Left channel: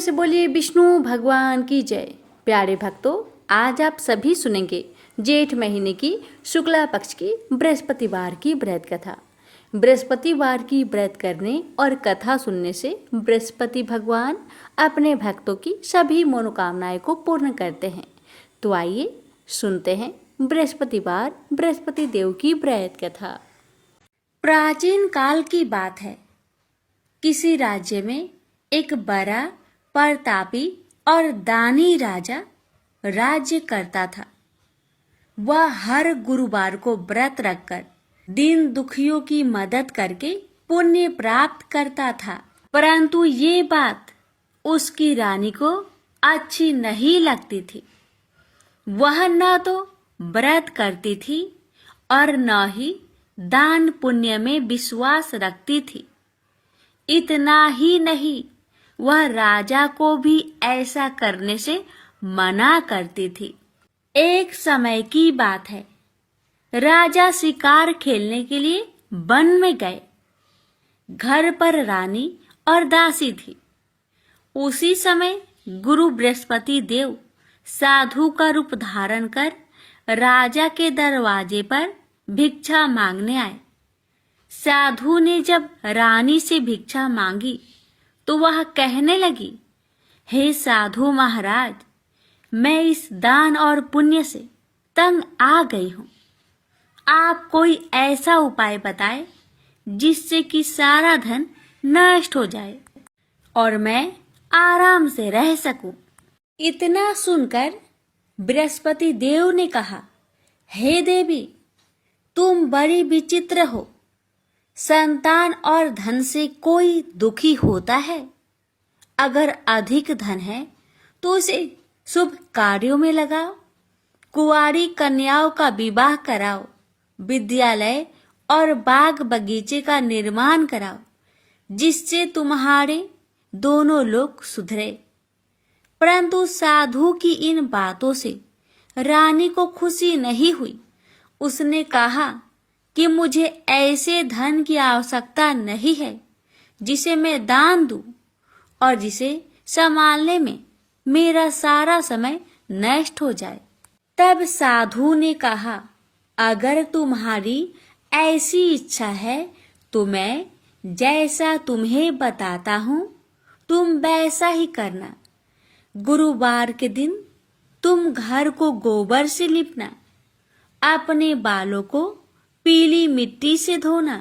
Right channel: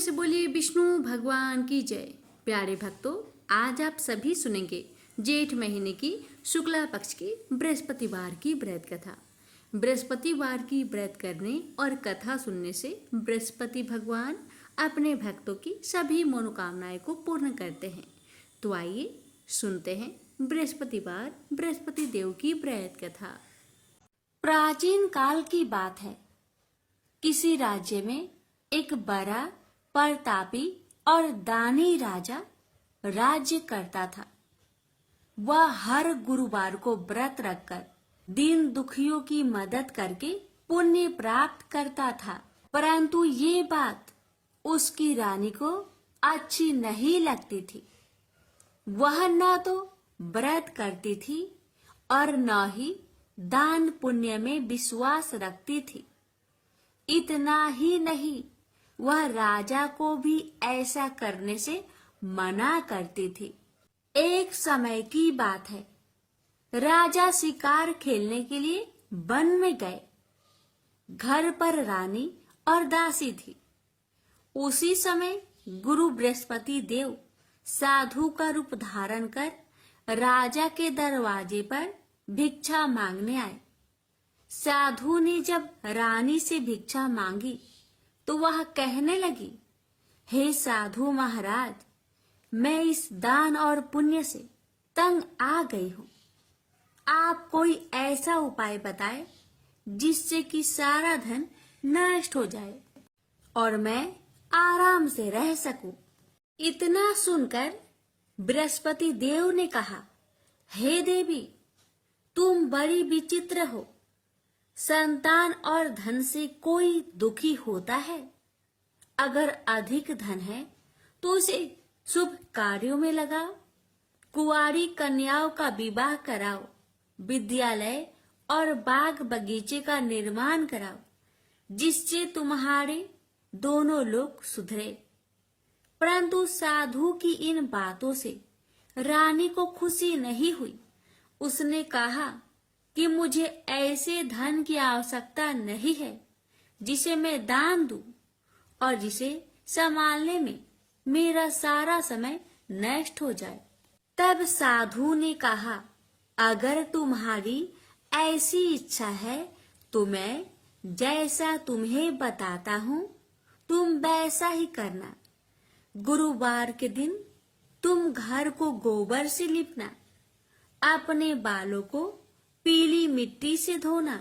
से बोलिए विष्णु भगवान की जय। प्यारे भक्तों, आज आप सभी सुनेंगे जेठ महीने की शुक्ला पक्ष की बृहस्पतिवार की व्रत कथा। बृहस्पतिवार की व्रत करने और कथा सुनने से बृहस्पति भगवान अपने भक्तों की सभी मनोकामनाएं को पूर्ण करते हैं। तो आइए सुनते हैं बृहस्पतिवार बृहस्पति देव की व्रत कथा। प्राचीन काल की बात है। किसी राज्य में एक बड़ा प्रतापी और दानी राजा राज्य करता था। वह हर गुरुवार को व्रत रखकर दीन दुखियों की मदद करके पुण्य प्राप्त करता था। परंतु ये बात उसकी रानी को अच्छी नहीं लगती थी। वह न तो व्रत करती थी और न ही दान पुण्य में विश्वास रखती थी। इतना ही नहीं, वह राजा को भी ऐसा करने से मना करती थी। एक समय की बात है। राजा शिकार खेलने के लिए वन में गए। घर पर रानी और दासी थी। उसी समय गुरु बृहस्पति देव साधु का रूप धारण कर राजा के दरवाजे पर भिक्षा मांगने आए। साधु ने जब रानी से भिक्षा मांगी तो वह कहने लगी, हे साधु महाराज, मैं इस दान और पुण्य से तंग आ गई हूँ। आप कोई ऐसा उपाय बताएं जिससे कि सारा धन नष्ट हो जाए और मैं आराम से रह सकूं। इतना सुनकर बृहस्पति देव ने कहा, हे देवी, तुम बड़ी विचित्र हो। संतान और धन से कोई दुखी होता है? अगर अधिक धन है तो उसे शुभ कार्यों में लगाओ, कुंवारी कन्याओं का विवाह कराओ, विद्यालय और बाग बगीचे का निर्माण कराओ, जिससे तुम्हारे दोनों लोग सुधरे। परंतु साधु की इन बातों से रानी को खुशी नहीं हुई। उसने कहा कि मुझे ऐसे धन की आवश्यकता नहीं है जिसे मैं दान दूं और जिसे संभालने में मेरा सारा समय नष्ट हो जाए। तब साधु ने कहा, अगर तुम्हारी ऐसी इच्छा है तो मैं जैसा तुम्हें बताता हूँ तुम वैसा ही करना। गुरुवार के दिन तुम घर को गोबर से लिपना, अपने बालों को पीली मिट्टी से धोना,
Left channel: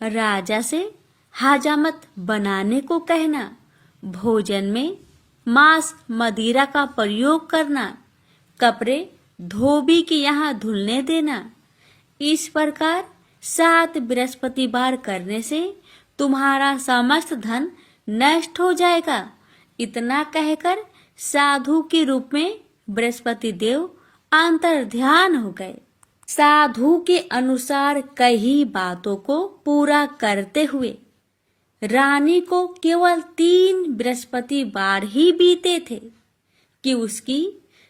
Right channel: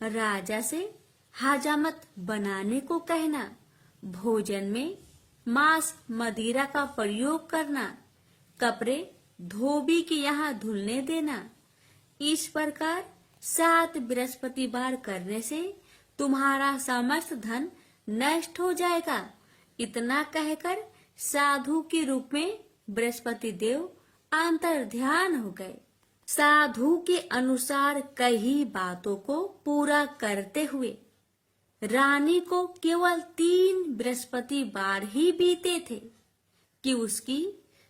राजा से हजामत बनाने को कहना, भोजन में मांस मदिरा का प्रयोग करना, कपड़े धोबी के यहाँ धुलने देना। इस प्रकार 7 बृहस्पतिवार करने से तुम्हारा समस्त धन नष्ट हो जाएगा। इतना कहकर साधु के रूप में बृहस्पति देव अंतर्ध्यान हो गए। साधु के अनुसार कई बातों को पूरा करते हुए रानी को केवल 3 बृहस्पतिवार ही बीते थे कि उसकी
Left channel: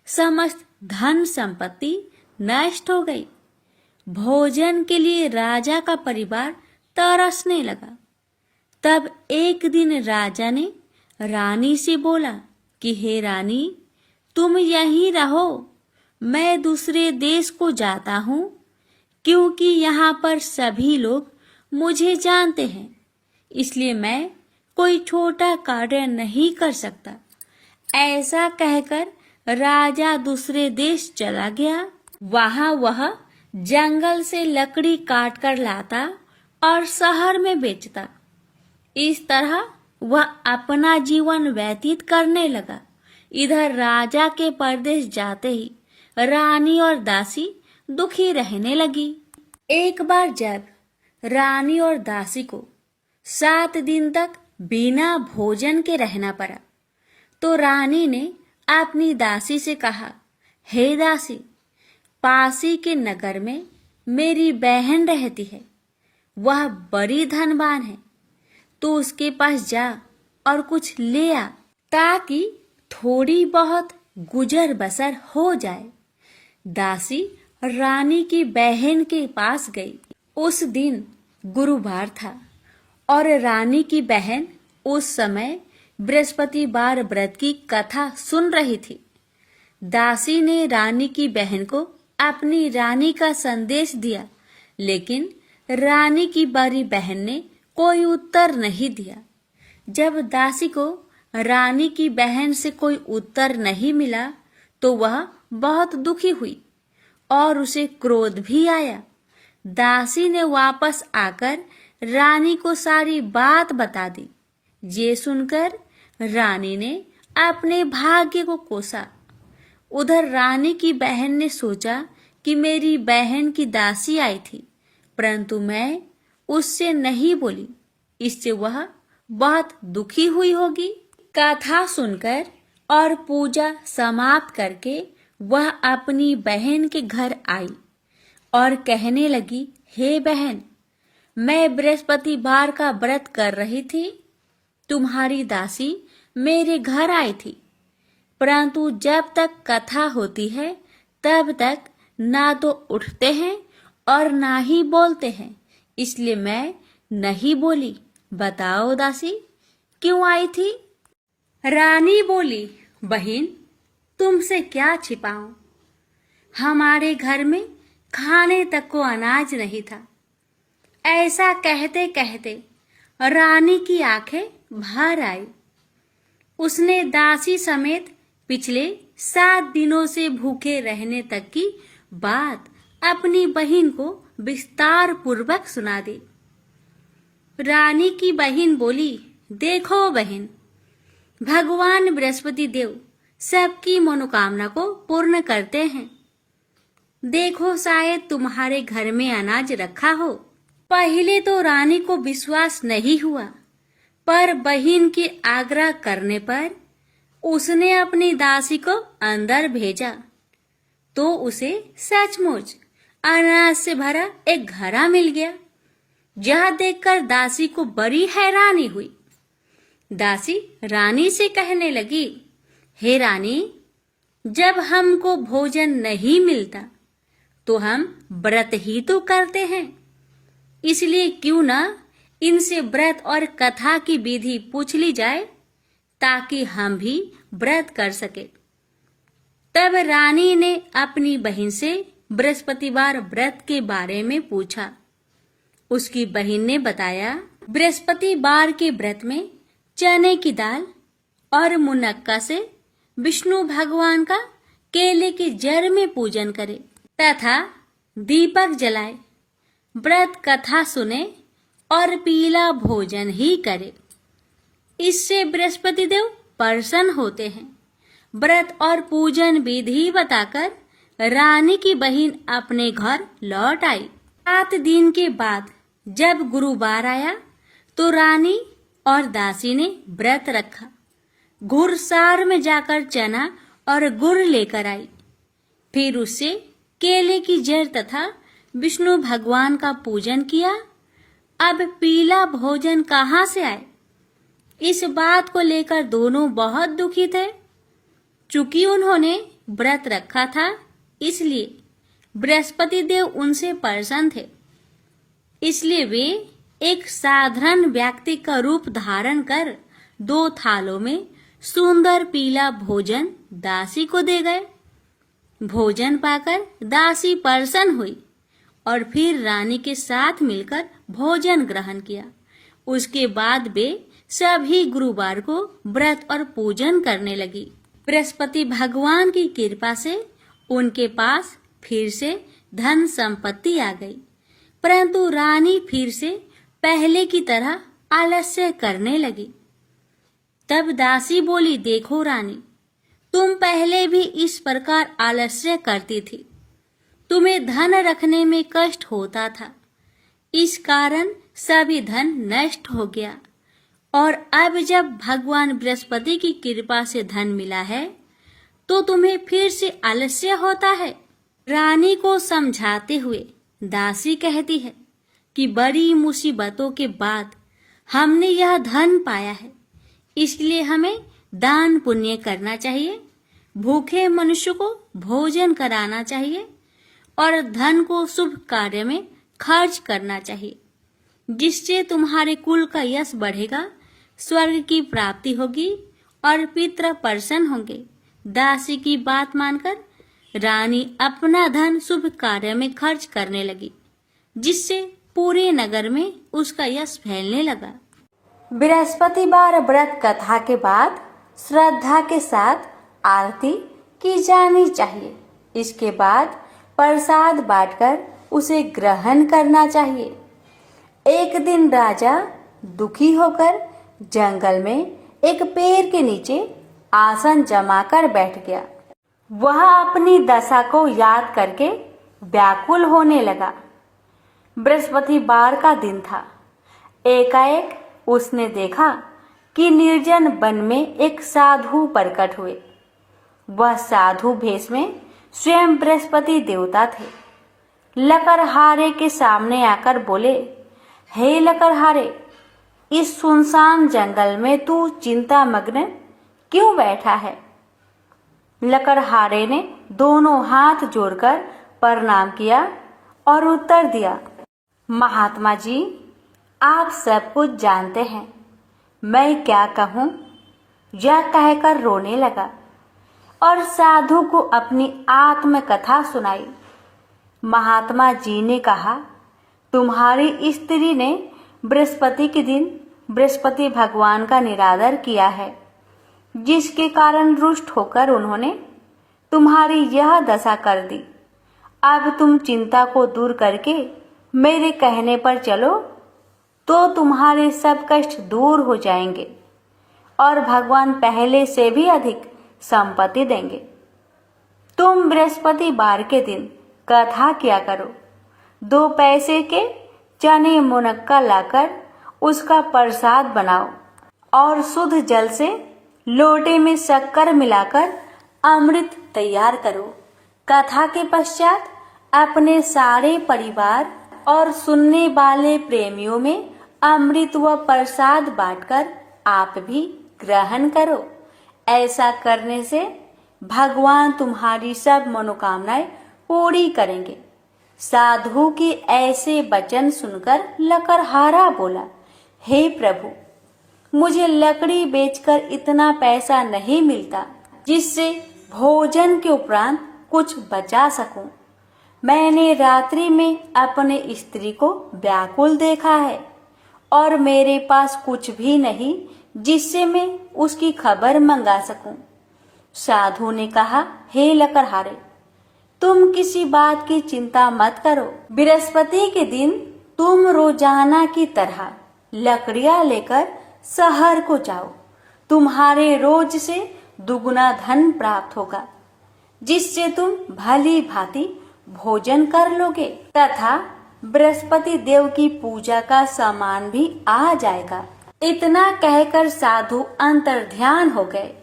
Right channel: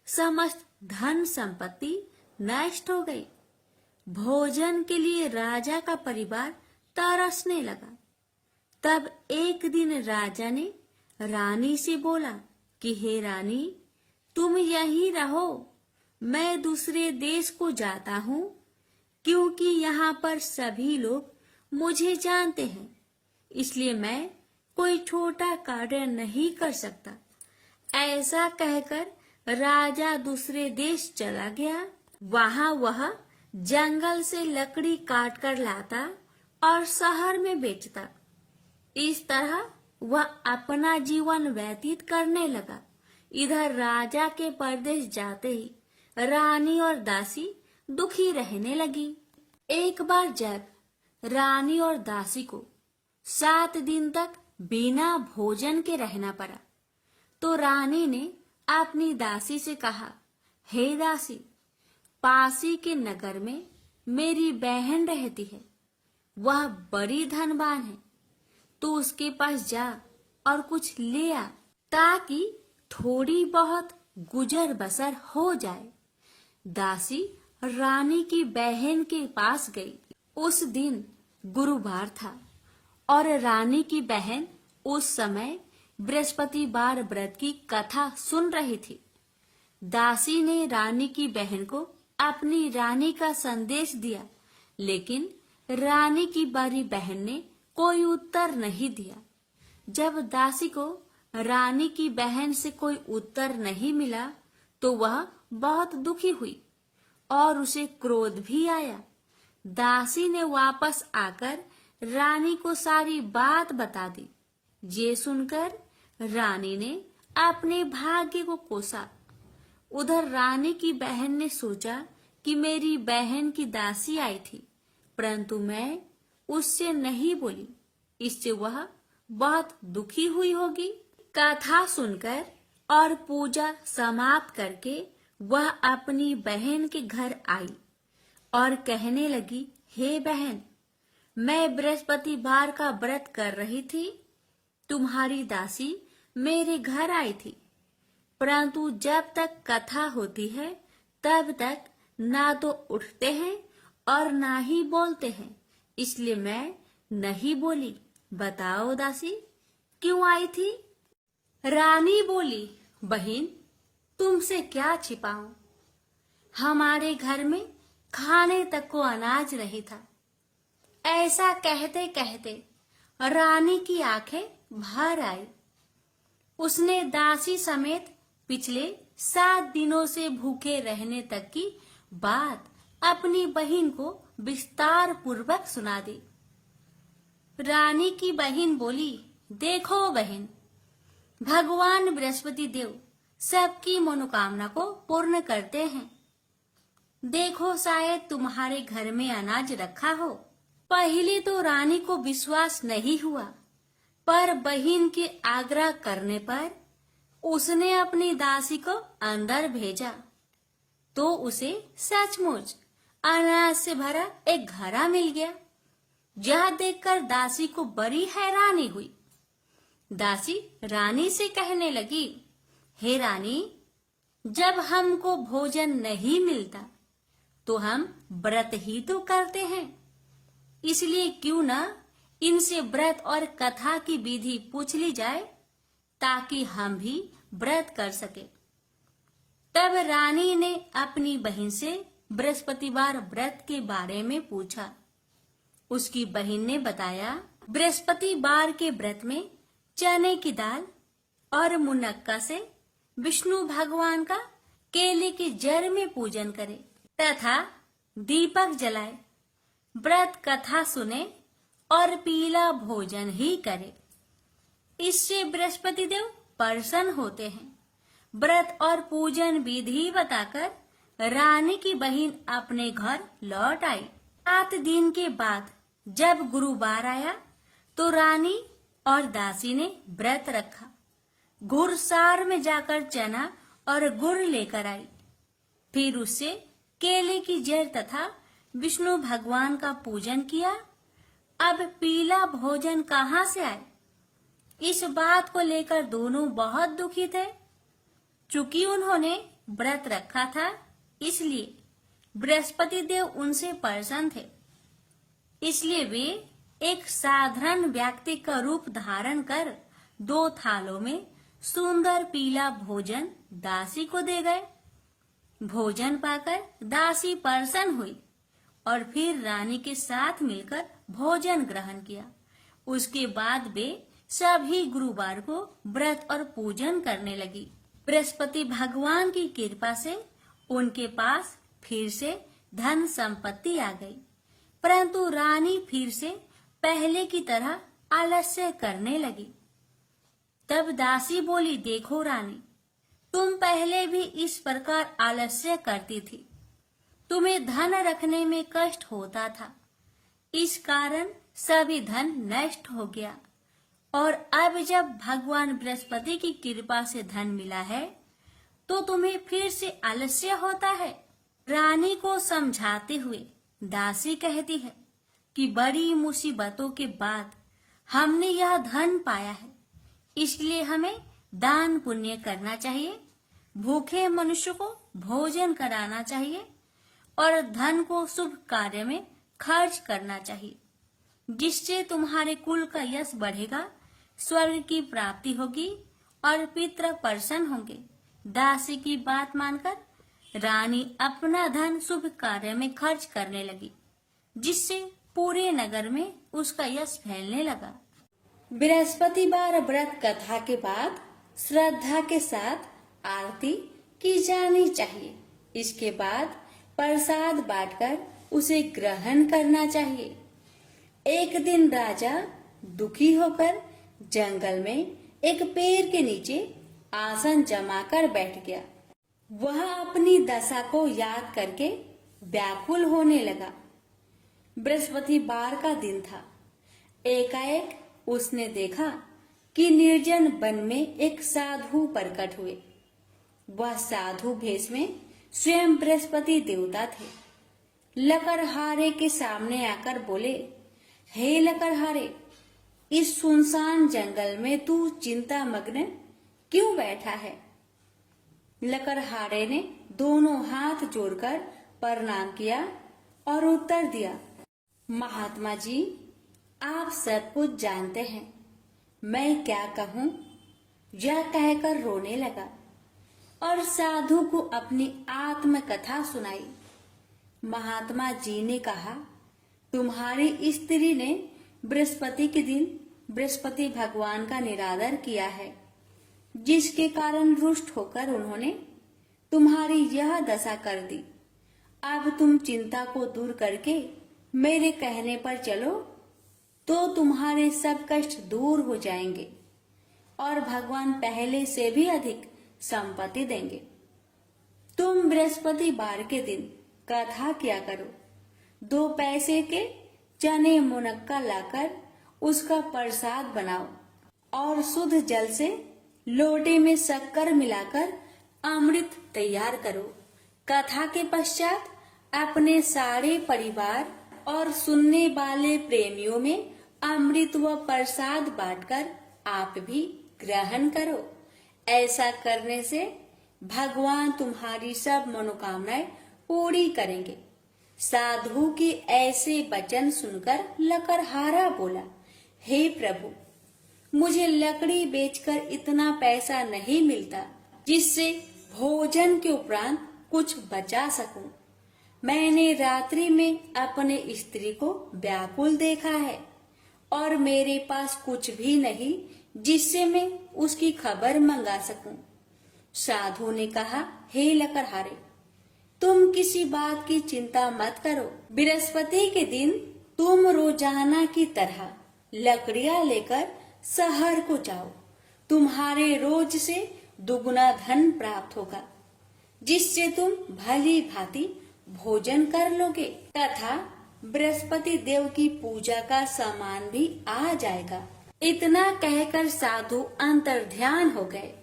समस्त धन संपत्ति नष्ट हो गई। भोजन के लिए राजा का परिवार तरसने लगा। तब एक दिन राजा ने रानी से बोला कि हे रानी, तुम यहीं रहो, मैं दूसरे देश को जाता हूँ, क्योंकि यहाँ पर सभी लोग मुझे जानते हैं, इसलिए मैं कोई छोटा कार्य नहीं कर सकता। ऐसा कहकर राजा दूसरे देश चला गया। वहाँ वह जंगल से लकड़ी काट कर लाता और शहर में बेचता। इस तरह वह अपना जीवन व्यतीत करने लगा। इधर राजा के परदेश जाते ही रानी और दासी दुखी रहने लगी। एक बार जब रानी और दासी को 7 दिन तक बिना भोजन के रहना पड़ा तो रानी ने अपनी दासी से कहा, हे दासी, पासी के नगर में मेरी बहन रहती है। वह बड़ी धनवान है, तो उसके पास जा और कुछ ले आ ताकि थोड़ी बहुत गुजर बसर हो जाए। दासी रानी की बहन के पास गई। उस दिन गुरुवार था और रानी की बहन उस समय बृहस्पतिवार व्रत की कथा सुन रही थी। दासी ने रानी की बहन को अपनी रानी का संदेश दिया, लेकिन रानी की बड़ी बहन ने कोई उत्तर नहीं दिया। जब दासी को रानी की बहन से कोई उत्तर नहीं मिला तो वह बहुत दुखी हुई और उसे क्रोध भी आया। दासी ने वापस आकर रानी को सारी बात बता दी। ये सुनकर रानी ने अपने भाग्य को कोसा। उधर रानी की बहन ने सोचा कि मेरी बहन की दासी आई थी, परंतु मैं उससे नहीं बोली, इससे वह बहुत दुखी हुई होगी। कथा सुनकर और पूजा समाप्त करके वह अपनी बहन के घर आई और कहने लगी, हे बहन, मैं बृहस्पतिवार का व्रत कर रही थी। तुम्हारी दासी मेरे घर आई थी, परंतु जब तक कथा होती है तब तक ना तो उठते हैं और ना ही बोलते हैं, इसलिए मैं नहीं बोली। बताओ दासी, क्यों आई थी? रानी बोली, बहन, तुमसे क्या छिपाऊं? हमारे घर में खाने तक को अनाज नहीं था। ऐसा कहते कहते रानी की आंखें भर आई। उसने दासी समेत पिछले 7 दिनों से भूखे रहने तक की बात अपनी बहन को विस्तार पूर्वक सुना दी। रानी की बहन बोली, देखो बहन, भगवान बृहस्पति देव सबकी मनोकामना को पूर्ण करते हैं। देखो, शायद तुम्हारे घर में अनाज रखा हो। पहले तो रानी को विश्वास नहीं हुआ, पर बहन के आग्रह करने पर उसने अपनी दासी को अंदर भेजा तो उसे सचमुच अनाज से भरा एक घड़ा मिल गया। यह देखकर दासी को बड़ी हैरानी हुई। दासी रानी से कहने लगी, हे रानी, जब हमको भोजन नहीं मिलता तो हम व्रत ही तो करते हैं, इसलिए क्यों ना इनसे व्रत और कथा की विधि पूछ ली जाए ताकि हम भी व्रत कर सके। तब रानी ने अपनी बहन से बृहस्पतिवार व्रत के बारे में पूछा। उसकी बहन ने बताया, बृहस्पतिवार के व्रत में चने की दाल और मुनक्का से विष्णु भगवान का केले के जड़ में पूजन करे तथा दीपक जलाए, व्रत कथा सुने और पीला भोजन ही करे। इससे बृहस्पति देव प्रसन्न होते हैं। व्रत और पूजन विधि बताकर रानी की बहन अपने घर लौट आई। 7 दिन के बाद जब गुरुवार आया तो रानी और दासी ने व्रत रखा। घुड़सार में जाकर चना और गुड़ लेकर आई। फिर उससे केले की जड़ तथा विष्णु भगवान का पूजन किया। अब पीला भोजन कहाँ से आए? इस बात को लेकर दोनों बहुत दुखी थे। चूंकि उन्होंने व्रत रखा था, इसलिए बृहस्पति देव उनसे प्रसन्न थे। इसलिए वे एक साधारण व्यक्ति का रूप धारण कर 2 थालों में सुंदर पीला भोजन दासी को दे गए। भोजन पाकर दासी प्रसन्न हुई और फिर रानी के साथ मिलकर भोजन ग्रहण किया। उसके बाद वे सभी गुरुवार को व्रत और पूजन करने लगी। बृहस्पति भगवान की कृपा से उनके पास फिर से धन संपत्ति आ गई, परंतु रानी फिर से पहले की तरह आलस्य करने लगी। तब दासी बोली, देखो रानी, तुम पहले भी इस प्रकार आलस्य करती थी। तुम्हें धन रखने में कष्ट होता था, इस कारण सभी धन नष्ट हो गया, और अब जब भगवान बृहस्पति की कृपा से धन मिला है तो तुम्हें फिर से आलस्य होता है। रानी को समझाते हुए दासी कहती है कि बड़ी मुसीबतों के बाद हमने यह धन पाया है, इसलिए हमें दान पुण्य करना चाहिए, भूखे मनुष्य को भोजन कराना चाहिए और धन को शुभ कार्य में खर्च करना चाहिए, जिससे तुम्हारे कुल का यश बढ़ेगा, स्वर्ग की प्राप्ति होगी और पितृ प्रसन्न होंगे। दासी की बात मानकर रानी अपना धन शुभ कार्य में खर्च करने लगी, जिससे पूरे नगर में उसका यश फैलने लगा। बृहस्पतिवार व्रत कथा के बाद श्रद्धा के साथ आरती की जानी चाहिए। इसके बाद प्रसाद बांटकर उसे ग्रहण करना चाहिए। एक दिन राजा दुखी होकर जंगल में एक पेड़ के नीचे आसन जमाकर बैठ गया। वह अपनी दशा को याद करके व्याकुल होने लगा। बृहस्पतिवार का दिन था। एकाएक उसने देखा कि निर्जन वन में एक साधु प्रकट हुए। वह साधु भेष में स्वयं बृहस्पति देवता थे। लकड़हारे के सामने आकर बोले, हे लकड़हारे, इस सुनसान जंगल में तू चिंता मग्न क्यों बैठा है? लकड़हारे ने दोनों हाथ जोड़कर प्रणाम किया और उत्तर दिया, महात्मा जी, आप सब कुछ जानते हैं, मैं क्या कहूँ? यह कहकर रोने लगा और साधु को अपनी आत्मकथा सुनाई। महात्मा जी ने कहा, तुम्हारी स्त्री ने बृहस्पति के दिन बृहस्पति भगवान का निरादर किया है, जिसके कारण रुष्ट होकर उन्होंने तुम्हारी यह दशा कर दी। अब तुम चिंता को दूर करके मेरे कहने पर चलो तो तुम्हारे सब कष्ट दूर हो जाएंगे और भगवान पहले से भी अधिक संपत्ति देंगे। तुम बृहस्पतिवार के दिन कथा किया करो। 2 पैसे के चने मुनक्का लाकर उसका प्रसाद बनाओ और शुद्ध जल से लोटे में शक्कर मिलाकर अमृत तैयार करो। कथा के पश्चात अपने सारे परिवार और सुनने वाले प्रेमियों में अमृत व प्रसाद बांटकर आप भी ग्रहण करो। ऐसा करने से भगवान तुम्हारी सब मनोकामनाएं पूरी करेंगे। साधु के ऐसे वचन सुनकर लकड़हारा बोला, हे प्रभु, मुझे लकड़ी बेचकर इतना पैसा नहीं मिलता जिससे भोजन के उपरांत कुछ बचा सकूं। मैंने रात्रि में अपने स्त्री को व्याकुल देखा है और मेरे पास कुछ भी नहीं जिससे मैं उसकी खबर मंगा सकूं। साधु ने कहा, हे लकड़हारे, तुम किसी बात की चिंता मत करो। बृहस्पति के दिन तुम रोजाना की तरह लकड़ियां लेकर शहर को जाओ। तुम्हारे रोज से दुगुना धन प्राप्त होगा, जिससे तुम भली भांति भोजन कर लोगे तथा बृहस्पति देव की पूजा का सामान भी आ जाएगा। इतना कहकर साधु अंतर्ध्यान हो गए।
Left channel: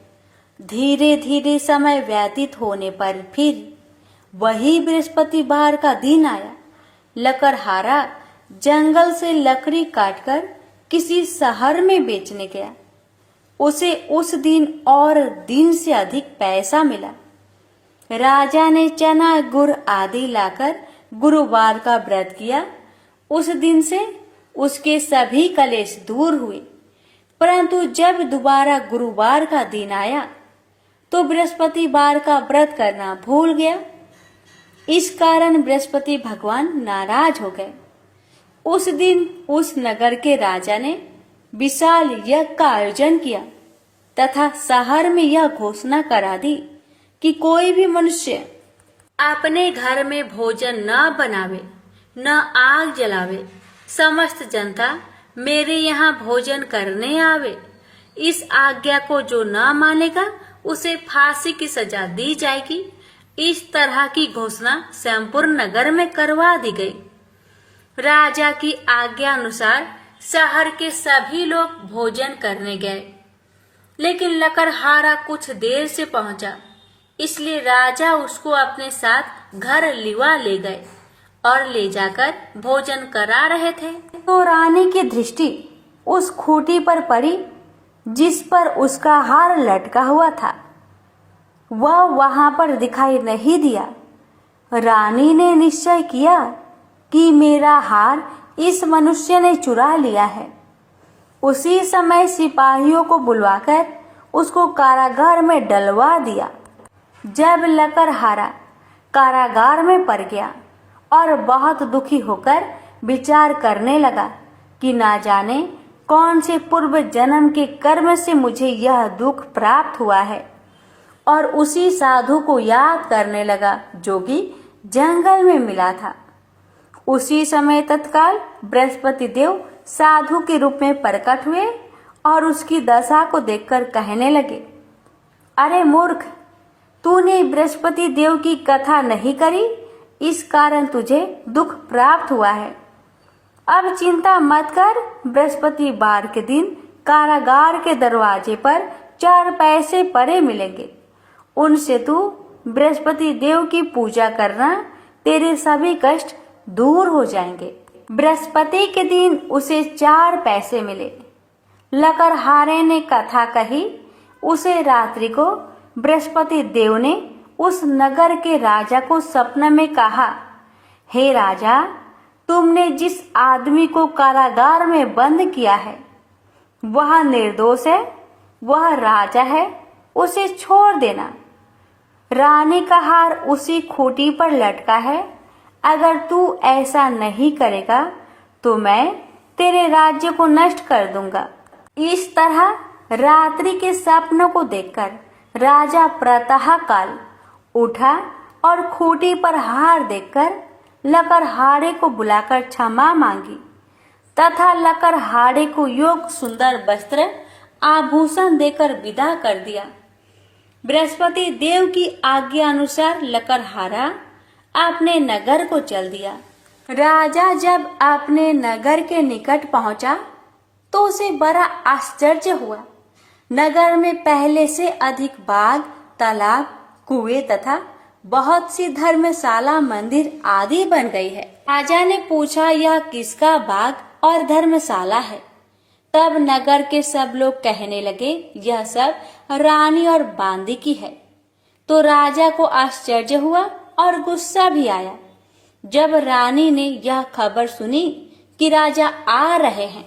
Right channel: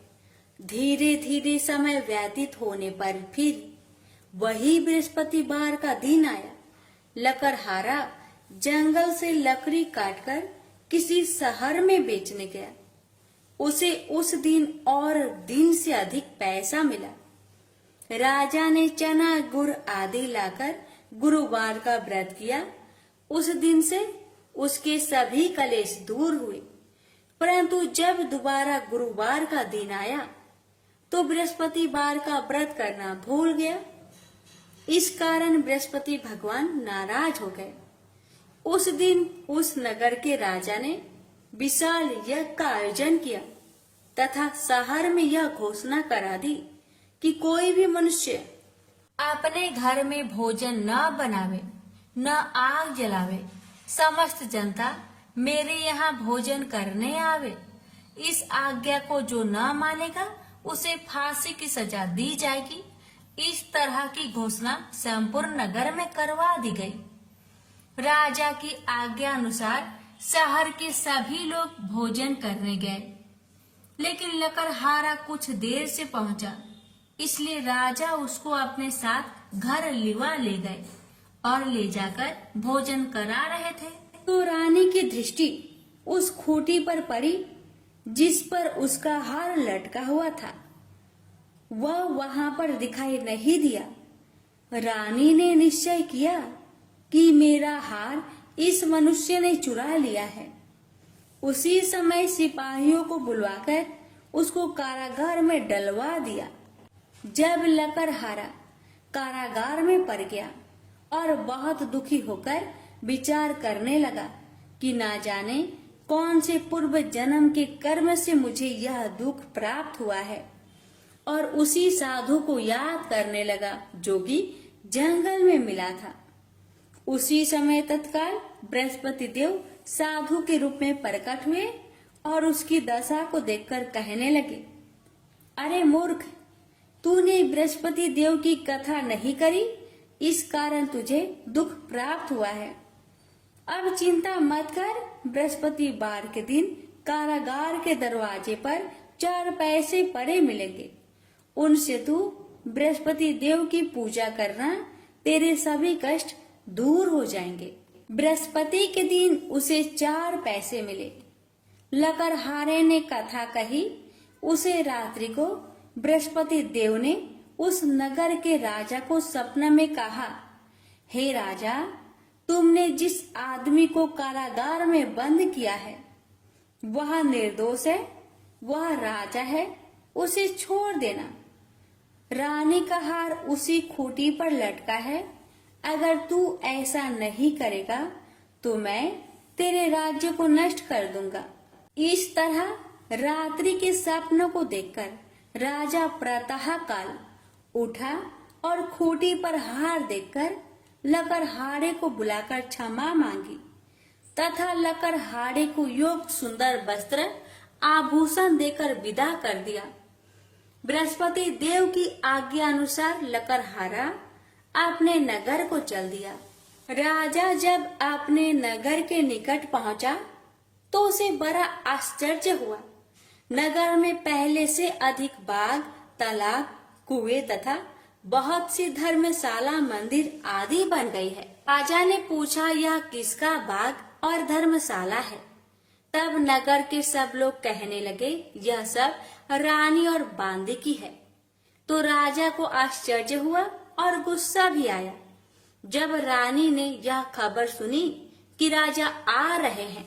धीरे धीरे समय व्यतीत होने पर फिर वही बृहस्पतिवार का दिन आया। लकड़हारा जंगल से लकड़ी काटकर किसी शहर में बेचने गया। उसे उस दिन और दिन से अधिक पैसा मिला। राजा ने चना गुड़ आदि लाकर गुरुवार का व्रत किया। उस दिन से उसके सभी कलेश दूर हुए। परंतु जब दोबारा गुरुवार का दिन आया तो बृहस्पतिवार का व्रत करना भूल गया। इस कारण बृहस्पति भगवान नाराज हो गए। उस दिन उस नगर के राजा ने विशाल यज्ञ का आयोजन किया तथा शहर में यह घोषणा करा दी कि कोई भी मनुष्य अपने घर में भोजन न बनावे, न आग जलावे। समस्त जनता मेरे यहाँ भोजन करने आवे। इस आज्ञा को जो न मानेगा उसे फांसी की सजा दी जाएगी। इस तरह की घोषणा संपूर्ण नगर में करवा दी गई। राजा की आज्ञा अनुसार शहर के सभी लोग भोजन करने गए, लेकिन लकड़हारा कुछ देर से पहुंचा, इसलिए राजा उसको अपने साथ घर लिवा ले गए और ले जाकर भोजन करा रहे थे तो रानी की दृष्टि उस खूंटी पर पड़ी जिस पर उसका हार लटका हुआ था। वह वहां पर दिखाई नहीं दिया। रानी ने निश्चय किया कि मेरा हार इस मनुष्य ने चुरा लिया है। उसी समय सिपाहियों को बुलवाकर उसको कारागार में डलवा दिया। जब लकड़हारा कारागार में पड़ गया और बहुत दुखी होकर विचार करने लगा कि ना जाने कौन से पूर्व जन्म के कर्म से मुझे यह दुख प्राप्त हुआ है, और उसी साधु को याद करने लगा जो कि जंगल में मिला था। उसी समय तत्काल बृहस्पति देव साधु के रूप में प्रकट हुए और उसकी दशा को देखकर कहने लगे, अरे मूर्ख, तूने बृहस्पति देव की कथा नहीं करी, इस कारण तुझे दुख प्राप्त हुआ है। अब चिंता मत कर, बृहस्पति वार के दिन कारागार के दरवाजे पर 4 पैसे पड़े मिलेंगे, उनसे तू बृहस्पति देव की पूजा करना, तेरे सभी कष्ट दूर हो जाएंगे। बृहस्पति के दिन उसे 4 पैसे मिले। लकड़हारे ने कथा कही। उसे रात्रि को बृहस्पति देव ने उस नगर के राजा को सपने में कहा, हे राजा, तुमने जिस आदमी को कारागार में बंद किया है वह निर्दोष है, वह राजा है, उसे छोड़ देना। रानी का हार उसी खूंटी पर लटका है, अगर तू ऐसा नहीं करेगा तो मैं तेरे राज्य को नष्ट कर दूंगा। इस तरह रात्रि के सपनों को देखकर राजा प्रातः काल उठा और खूंटी पर हार देखकर लकड़हारे को बुलाकर क्षमा मांगी तथा लकड़हारे को योग सुंदर वस्त्र आभूषण देकर विदा कर दिया। बृहस्पति देव की आज्ञा अनुसार लकड़हारा अपने नगर को चल दिया। राजा जब अपने नगर के निकट पहुंचा तो उसे बड़ा आश्चर्य हुआ। नगर में पहले से अधिक बाग, तालाब, कुएं तथा बहुत सी धर्मशाला, मंदिर आदि बन गई है। राजा ने पूछा, यह किसका बाग और धर्मशाला है? तब नगर के सब लोग कहने लगे, यह सब रानी और बांदी की है। तो राजा को आश्चर्य हुआ और गुस्सा भी आया। जब रानी ने यह खबर सुनी कि राजा आ रहे हैं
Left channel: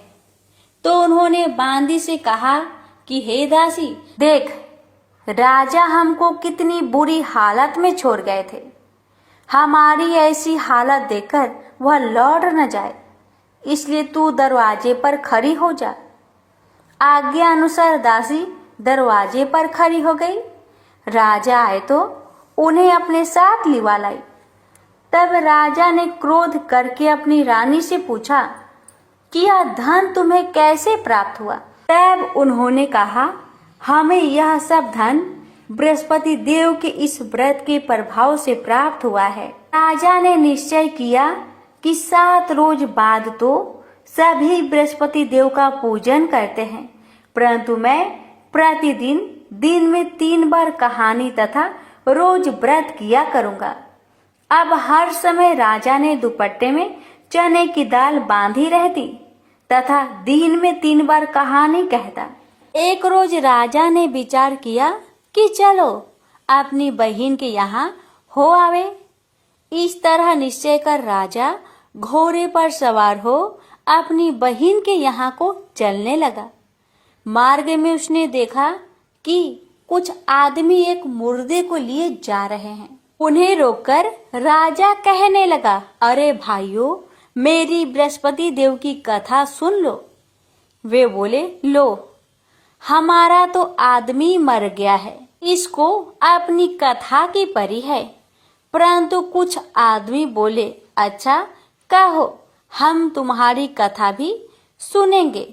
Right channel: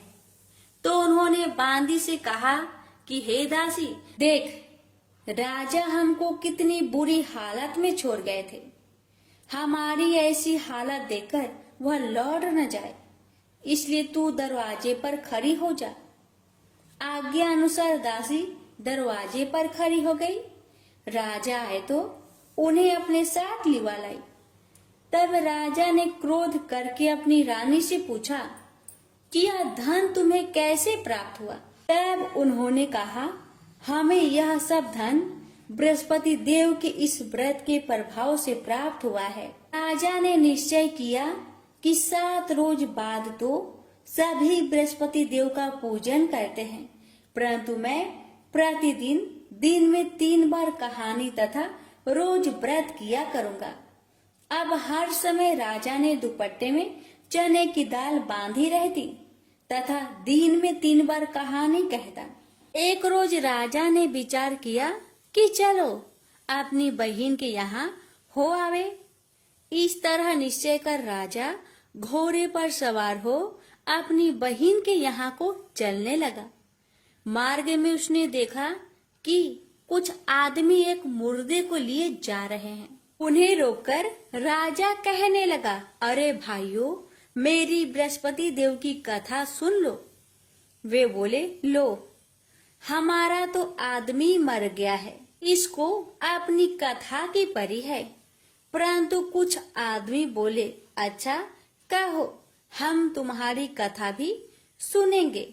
तो उन्होंने बांदी से कहा कि हे दासी, देख, राजा हमको कितनी बुरी हालत में छोड़ गए थे। हमारी ऐसी हालत देखकर वह लौट न जाए, इसलिए तू दरवाजे पर खड़ी हो जा। आज्ञा अनुसार दासी दरवाजे पर खड़ी हो गई। राजा आए तो उन्हें अपने साथ लिवा लाई। तब राजा ने क्रोध करके अपनी रानी से पूछा कि यह धन तुम्हें कैसे प्राप्त हुआ? तब उन्होंने कहा, हमें यह सब धन बृहस्पति देव के इस व्रत के प्रभाव से प्राप्त हुआ है। राजा ने निश्चय किया कि 7 रोज बाद तो सभी बृहस्पति देव का पूजन करते हैं, परंतु मैं प्रतिदिन दिन में 3 बार कहानी तथा रोज व्रत किया करूंगा। अब हर समय राजा ने दुपट्टे में चने की दाल बांधी रहती तथा दिन में 3 बार कहानी कहता। एक रोज राजा ने विचार किया कि चलो अपनी बहन के यहाँ हो आवे। इस तरह निश्चय कर राजा घोड़े पर सवार हो अपनी बहन के यहाँ को चलने लगा। मार्ग में उसने देखा कि कुछ आदमी एक मुर्दे को लिए जा रहे हैं। उन्हें रोककर राजा कहने लगा, अरे भाइयों, मेरी बृहस्पति देव की कथा सुन लो। वे बोले, लो, हमारा तो आदमी मर गया है, इसको अपनी कथा की परी है। परंतु कुछ आदमी बोले, अच्छा कहो, हम तुम्हारी कथा भी सुनेंगे।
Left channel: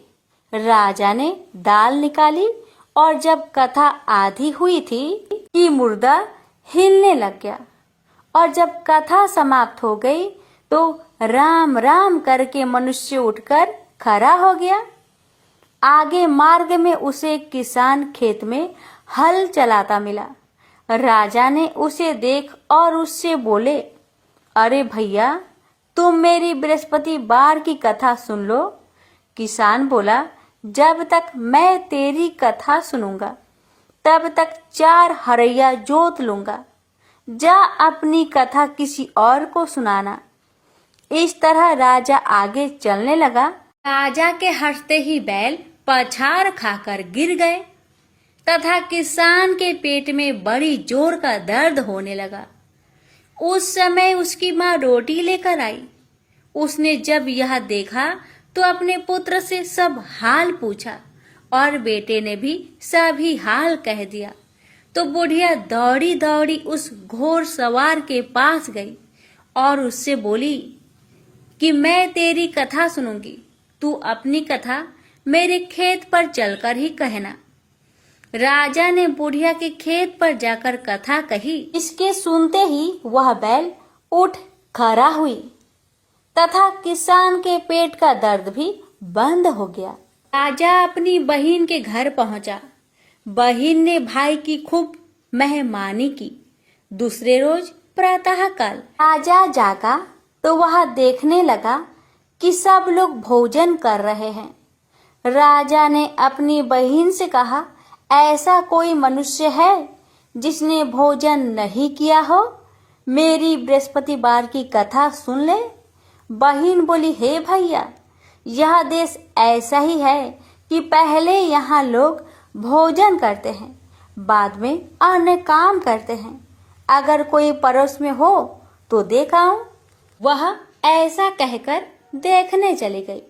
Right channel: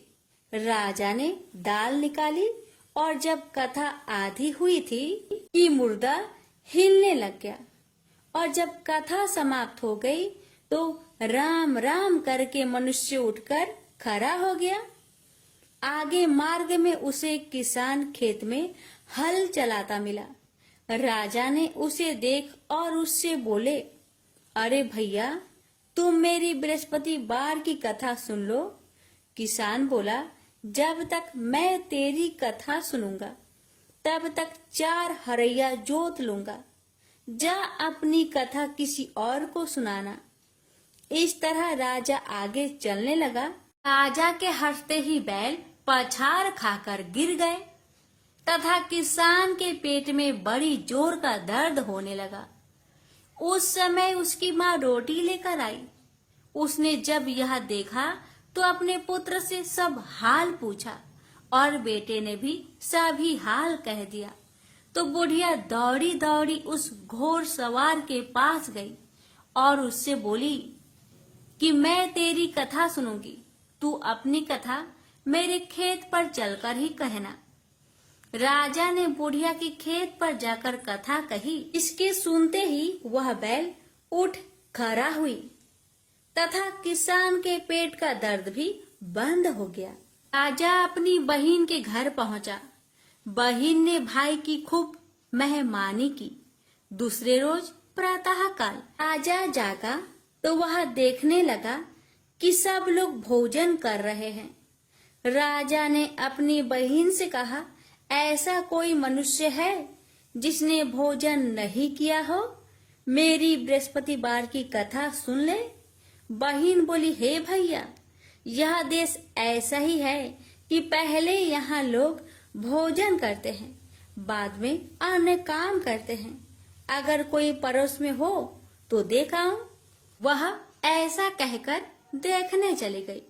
राजा ने दाल निकाली और जब कथा आधी हुई थी कि मुर्दा हिलने लग गया, और जब कथा समाप्त हो गई तो राम राम करके मनुष्य उठकर खड़ा हो गया। आगे मार्ग में उसे एक किसान खेत में हल चलाता मिला। राजा ने उसे देख और उससे बोले, अरे भैया, तुम मेरी बृहस्पति वार की कथा सुन लो। किसान बोला, जब तक मैं तेरी कथा सुनूंगा तब तक 4 हरैया जोत लूंगा। जा अपनी कथा किसी और को सुनाना। इस तरह राजा आगे चलने लगा। राजा के हंसते ही बैल पछाड़ खाकर गिर गए तथा किसान के पेट में बड़ी जोर का दर्द होने लगा। उस समय उसकी माँ रोटी लेकर आई। उसने जब यह देखा तो अपने पुत्र से सब हाल पूछा और बेटे ने भी सभी हाल कह दिया। तो बुढ़िया दौड़ी दौड़ी उस घोड़ सवार के पास गई और उससे बोली कि मैं तेरी कथा सुनूंगी, तू अपनी कथा मेरे खेत पर चलकर ही कहना। राजा ने बुढ़िया के खेत पर जाकर कथा कही। इसके सुनते ही वह बैल उठ खड़ा हुई तथा किसान के पेट का दर्द भी बंद हो गया। राजा अपनी बहन के घर पहुंचा। बहन ने भाई की खूब मेहमानी की। दूसरे रोज प्रातःकाल राजा जागा तो वह देखने लगा कि सब लोग भोजन कर रहे हैं। राजा ने अपनी बहन से कहा, ऐसा कोई मनुष्य है जिसने भोजन नहीं किया हो? मेरी बृहस्पतिवार की कथा सुन ले। बहन बोली, हे भैया, यह देश ऐसा ही है कि पहले यहाँ लोग भोजन करते हैं, बाद में अन्य काम करते हैं। अगर कोई पड़ोस में हो तो देख आऊं। वह ऐसा कहकर देखने चली गई,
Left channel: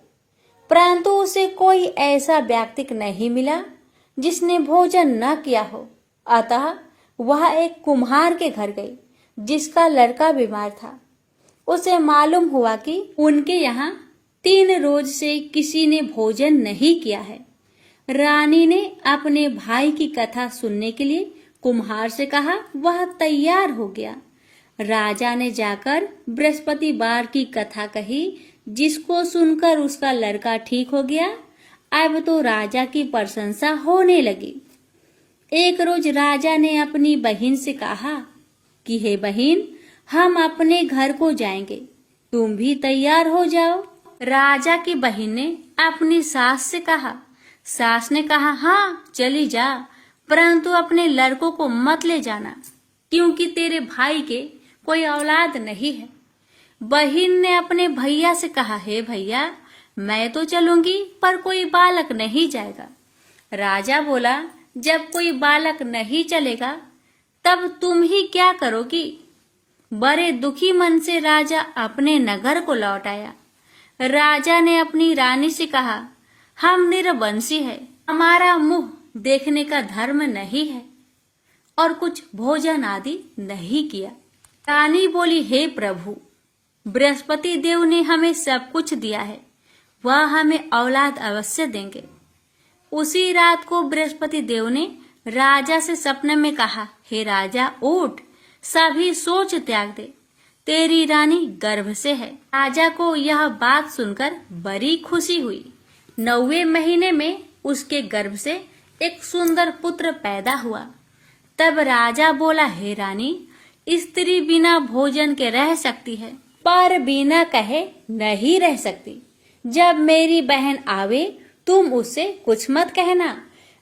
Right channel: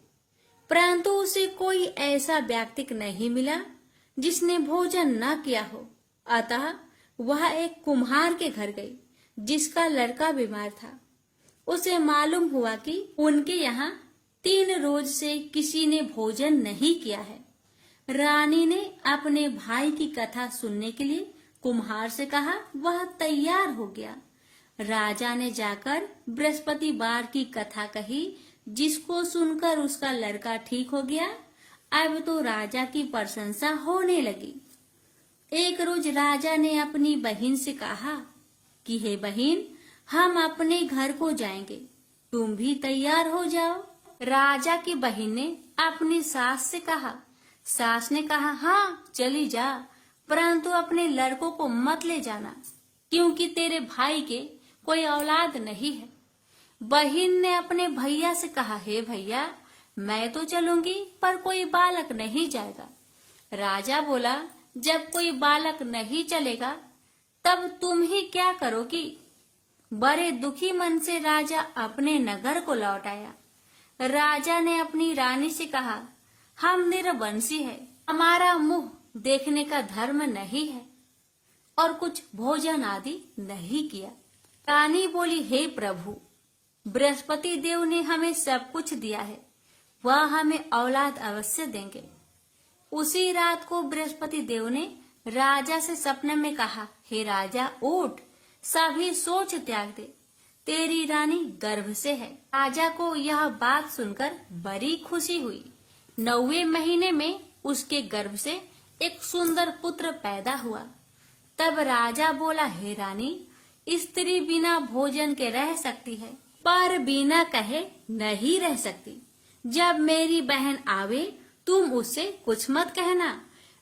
परंतु उसे कोई ऐसा व्यक्ति नहीं मिला जिसने भोजन न किया हो। अतः वह एक कुम्हार के घर गई जिसका लड़का बीमार था। उसे मालूम हुआ कि उनके यहाँ 3 रोज से किसी ने भोजन नहीं किया है। रानी ने अपने भाई की कथा सुनने के लिए कुम्हार से कहा। वह तैयार हो गया। राजा ने जाकर बृहस्पतिवार की कथा कही, जिसको सुनकर उसका लड़का ठीक हो गया। अब तो राजा की प्रशंसा होने लगी। एक रोज राजा ने अपनी बहन से कहा कि हे बहन, हम अपने घर को जाएंगे, तुम भी तैयार हो जाओ। राजा की बहन ने अपनी सास से कहा। सास ने कहा, हाँ चली जा, परंतु अपने लड़कों को मत ले जाना, क्योंकि तेरे भाई के कोई औलाद नहीं है। बहन ने अपने भैया से कहा, हे भैया, मैं तो चलूंगी पर कोई बालक नहीं जाएगा। राजा बोला, जब कोई बालक नहीं चलेगा तब तुम ही क्या करोगी? बड़े दुखी मन से राजा अपने नगर को लौट आया। राजा ने अपनी रानी से कहा, हम निरवंशी है, हमारा मुंह देखने का धर्म नहीं है और कुछ भोजन आदि नहीं किया। रानी बोली, हे प्रभु, बृहस्पति देव ने हमें सब कुछ दिया है, वह हमें औलाद अवश्य देंगे। उसी रात को बृहस्पति देव ने राजा से सपने में कहा, हे राजा, उठ, सभी सोच त्याग दे, तेरी रानी गर्भ से है। राजा को यह बात सुनकर बड़ी खुशी हुई। 9वें महीने में उसके गर्भ से एक सुंदर पुत्र पैदा हुआ। तब राजा बोला, हे रानी, स्त्री बिना भोजन के रह सकती है, पर बिना कहे नहीं रह सकती। जब मेरी बहन आवे तुम उससे कुछ मत कहना।